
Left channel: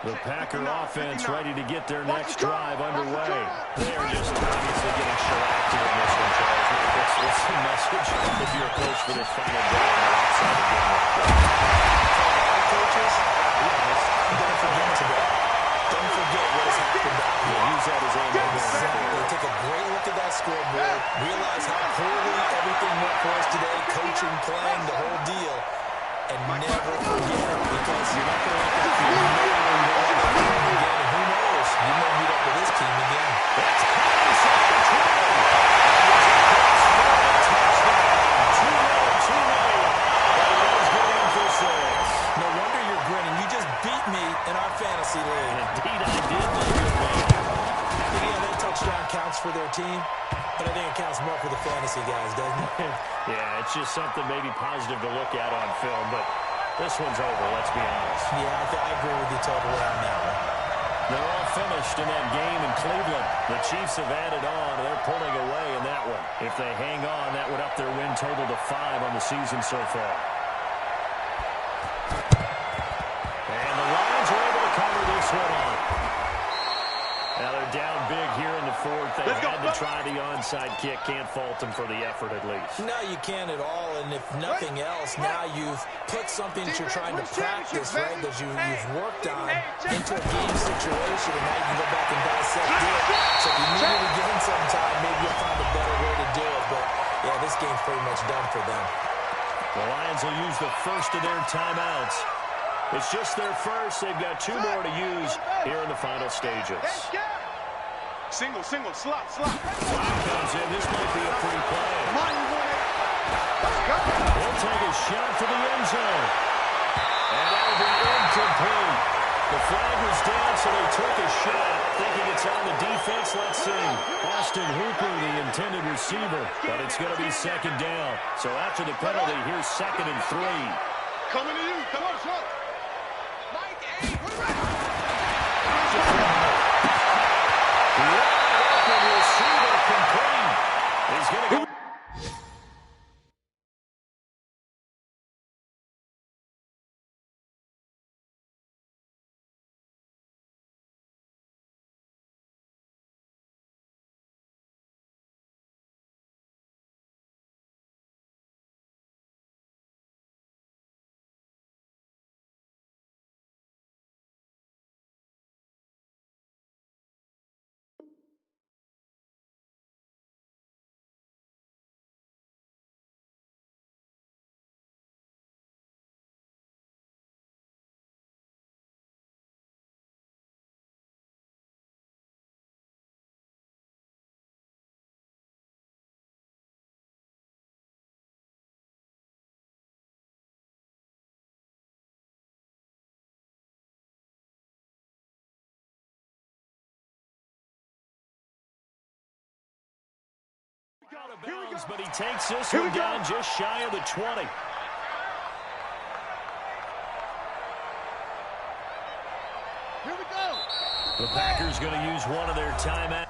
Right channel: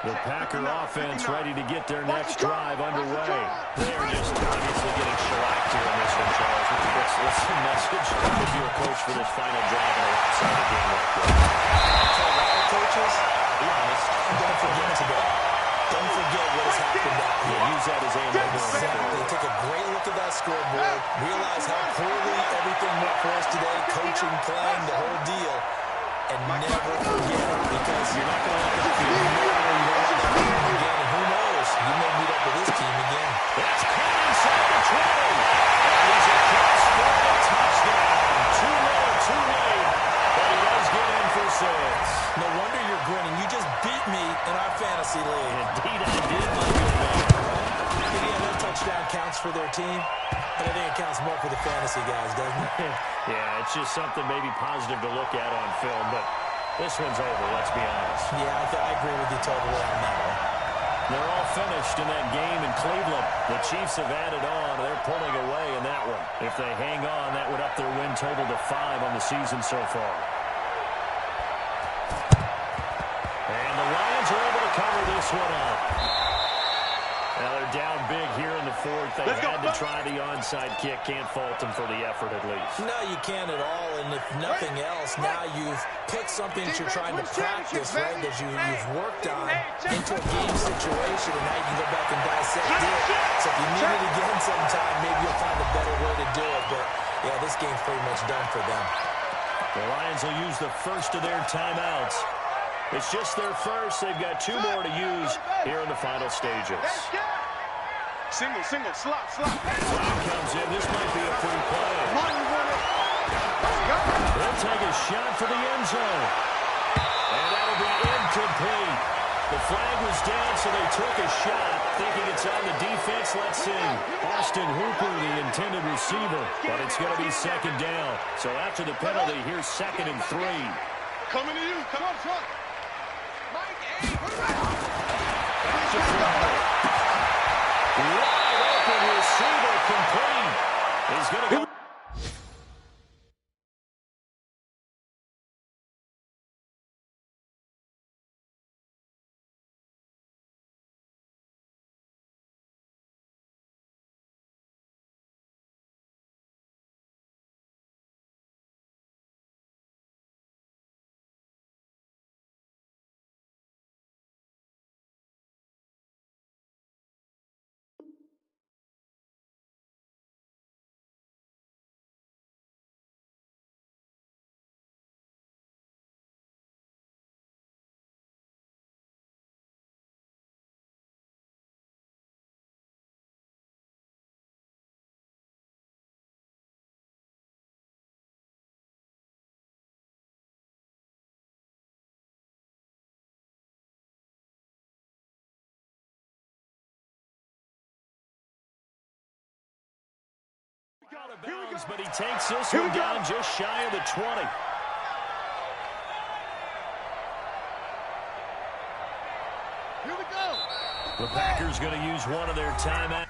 The Packer offense ready to get their next drive underway. They're just obviously getting shellacked here in this one, Charles. What's the message if you're a coach for this final drive in a lopsided game like that? For all coaches, be honest, don't forget today. Don't forget what has happened out here. Use that as ammo. Exactly. Take a great look at that scoreboard. Realize how poorly everything went for us today. Coaching, playing, the whole deal. And never forget it, because you're not going to let that feel. You don't want that feeling again, and who knows? You may meet up with this team again. That's caught inside the 20. And he's across for a touchdown. Too late. But he does get in for 6. No wonder you're grinning. You just beat me in our fantasy league. Indeed, I did, my good man. Yeah, that touchdown counts for their team, but I think it counts more for the fantasy guys, doesn't it? Yeah, it's just something maybe positive to look at on film, but this one's over, let's be honest. Yeah, I agree with you totally on that one. They're all finished in that game in Cleveland. The Chiefs have added on. They're pulling away in that one. If they hang on, that would up their win total to 5 on the season so far. And the Lions are able to cover this one up. Now they're down big here in the 4th. They had to try the onside kick. Can't fault them for the effort at least. No, you can't at all. And if nothing else, now you've put something that you're trying to practice, right, that you've worked on into a game situation, and now you can go back and dissect it. So if you need it again sometime, maybe you'll find a better way to do it. But, yeah, this game's pretty much done for them. The Lions will use the first of their timeouts. It's just their first. They've got 2 more to use here in the final stages. Single, slot. Flag comes in. This might be a free play. Come on, you want it. Let's go. He'll take a shot for the end zone. And that'll be incomplete. The flag was down, so they took a shot, thinking it's on the defense. Let's see. Austin Hooper, the intended receiver. But it's going to be 2nd down. So after the penalty, here's 2nd and 3. Coming to you. Come on, Chuck. Mike, hey, put it right. Wide open receiver complete. He's going to go. Out of bounds, but he takes this one down just shy of the 20. Here we go. The Packers going to use one of their timeouts.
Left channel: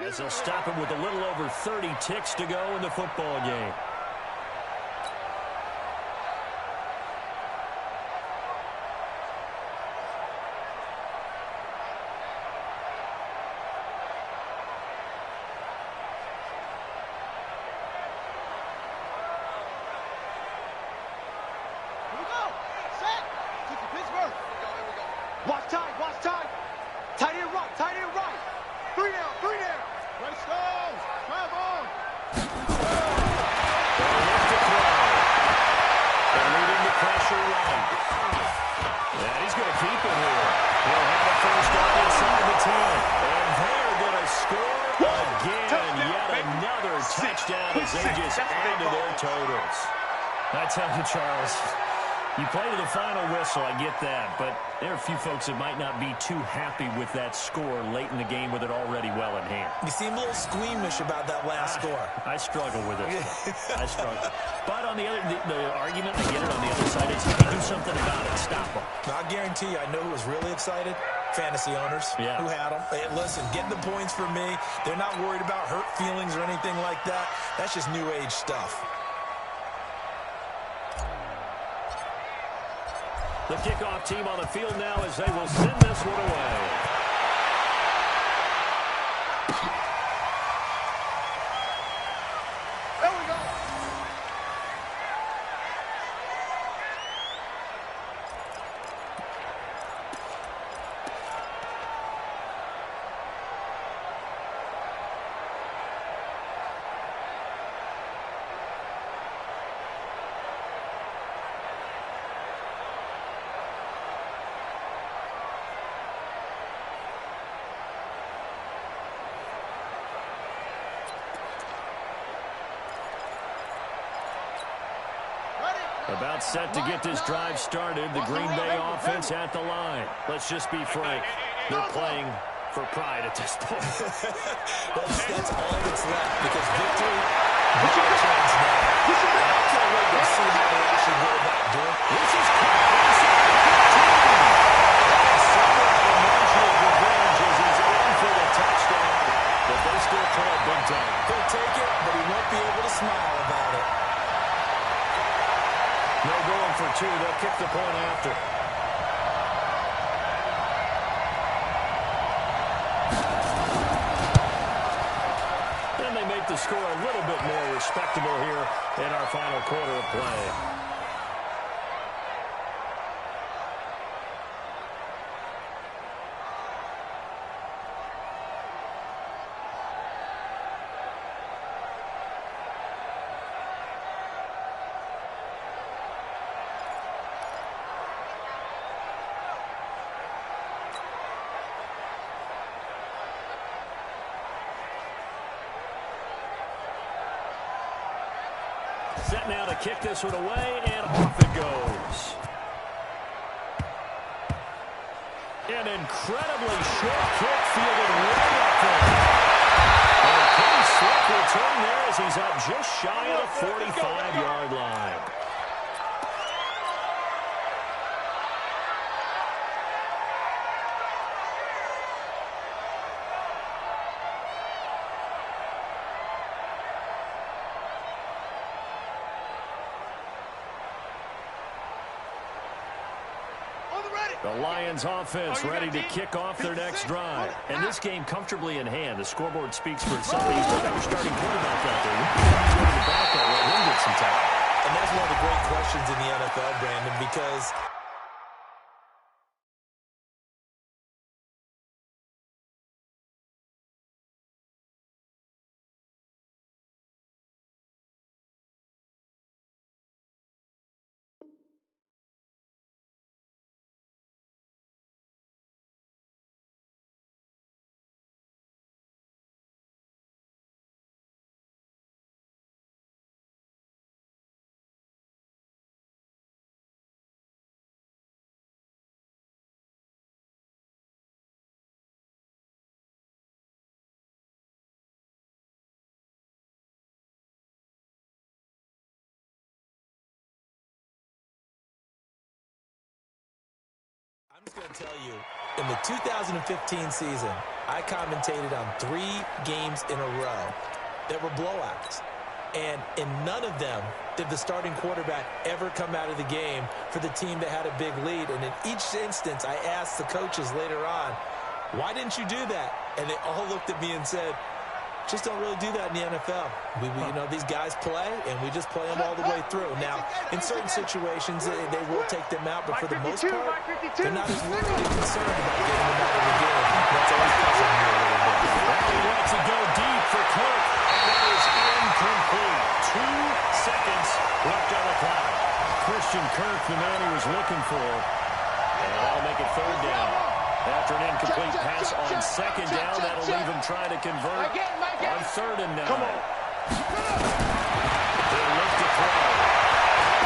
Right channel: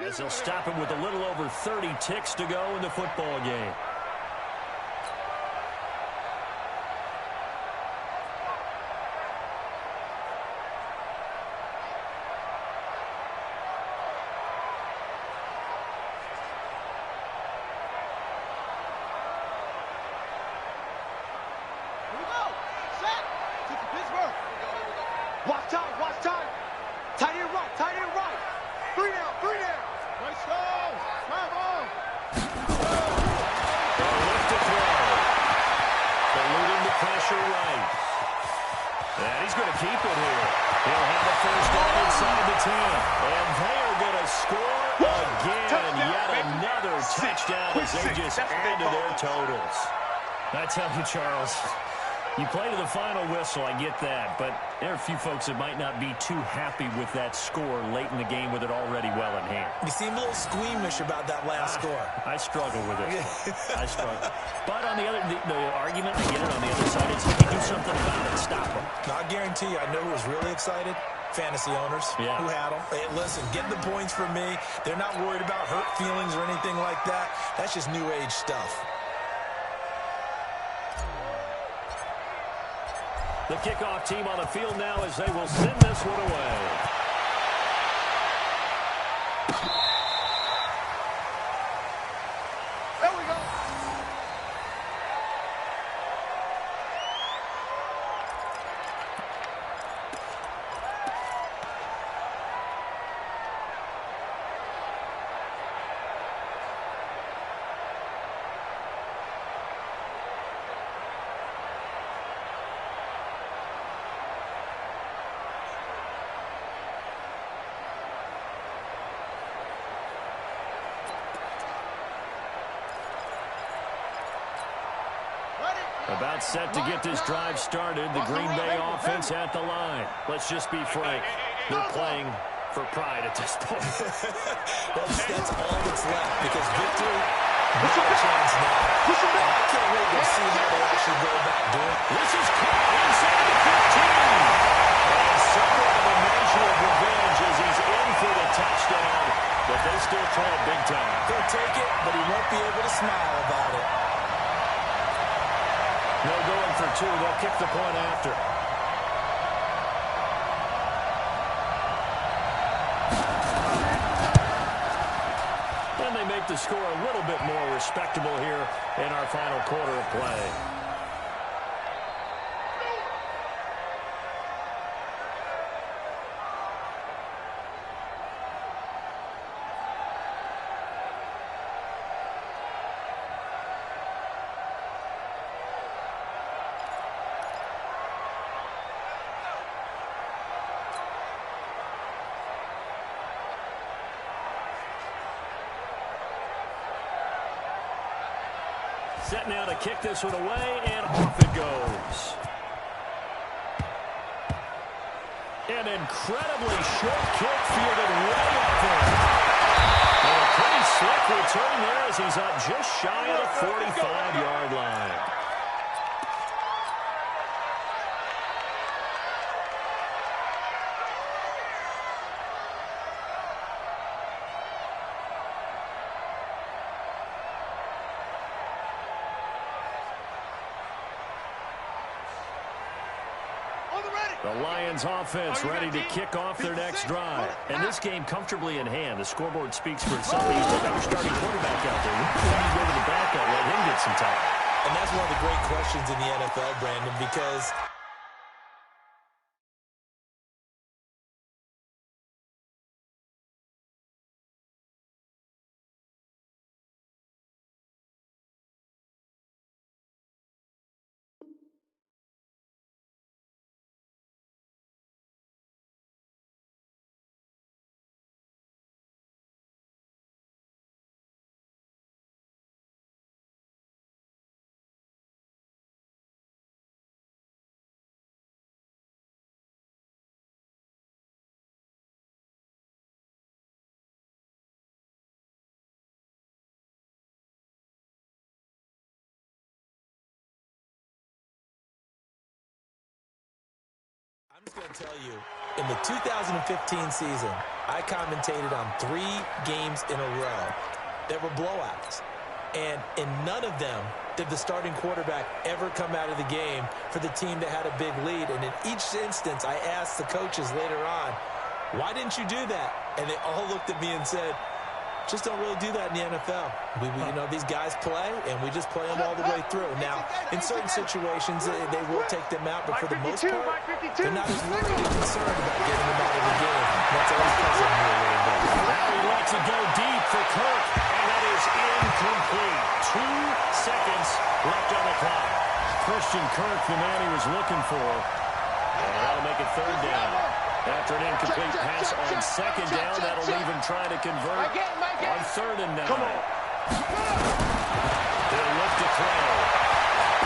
As they'll stop him with a little over 30 ticks to go in the football game. Here we go. Set. Took to Pittsburgh. Here we go. Watch time. Tight end right. 3 down. Right Stones. Travel. They'll look to throw. Eluding the pressure right. And he's going to keep it here. He'll have a first down inside the 10. And they are going to score again. Touchdown, Yet baby. another touchdown as they just add to their totals. I tell you, Charles, you play to the final whistle, I get that, but there are a few folks that might not be too happy with that score late in the game with it already well in hand. You seem a little squeamish about that last score. I struggle with it. I struggle. But on the other, the argument, I get it, on the other side is you do something about it. Stop them. Now, I guarantee you, I know who was really excited. Fantasy owners who had them. Hey, listen, get the points for me. They're not worried about hurt feelings or anything like that. That's just new age stuff. The kickoff team on the field now as they will send this one away. There we go. About set to get this drive started. The Green Bay offense at the line. Let's just be frank. They're playing for pride at this point. That's all that's left because victory, not a chance now. And I can't wait to see how they actually go about doing it. This is caught inside the 15. And somewhat of a measure of revenge as he's in for the touchdown. But they still trail big time. He'll take it, but he won't be able to smile about it. No going for two. They'll kick the point after. And they make the score a little bit more respectable here in our final quarter of play. Set now to kick this one away, and off it goes. An incredibly short kick fielded way up there. And a pretty slick return there as he's up just shy of the 45-yard line. The Lions offense ready to kick off their next drive. And this game comfortably in hand. The scoreboard speaks for itself. You still got your starting quarterback out there. You go to the backup, let him get some time. And that's one of the great questions in the NFL, Brandon, because I'm just going to tell you, in the 2015 season, I commentated on 3 games in a row that were blowouts. And in none of them did the starting quarterback ever come out of the game for the team that had a big lead. And in each instance, I asked the coaches later on, why didn't you do that? And they all looked at me and said, just don't really do that in the NFL. You know, these guys play, and we just play them all the way through. Now, in certain situations, they will take them out, but for the most part, they're not as worried and concerned about getting them out of the game. That's always puzzling me a little bit. Now he lets it go deep for Kirk, and that is incomplete. 2 seconds left on the clock. Christian Kirk, the man he was looking for, and that'll make it 3rd down. After an incomplete pass on 2nd down, that'll leave him trying to convert on 3rd and 9. Come on. They'll look to throw.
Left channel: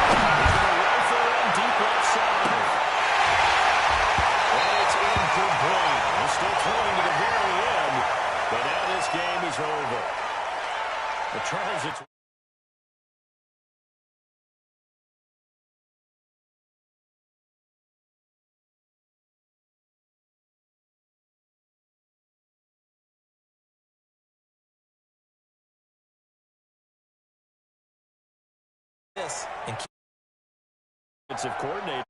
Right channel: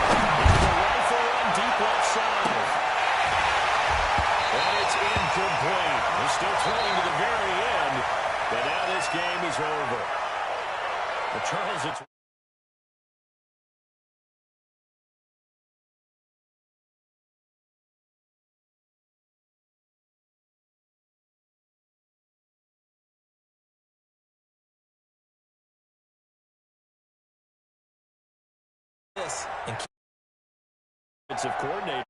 Into the rifle run deep left side. And it's incomplete. He's still throwing to the very end, but now this game is over. But Charles, it's... This and defensive coordinator.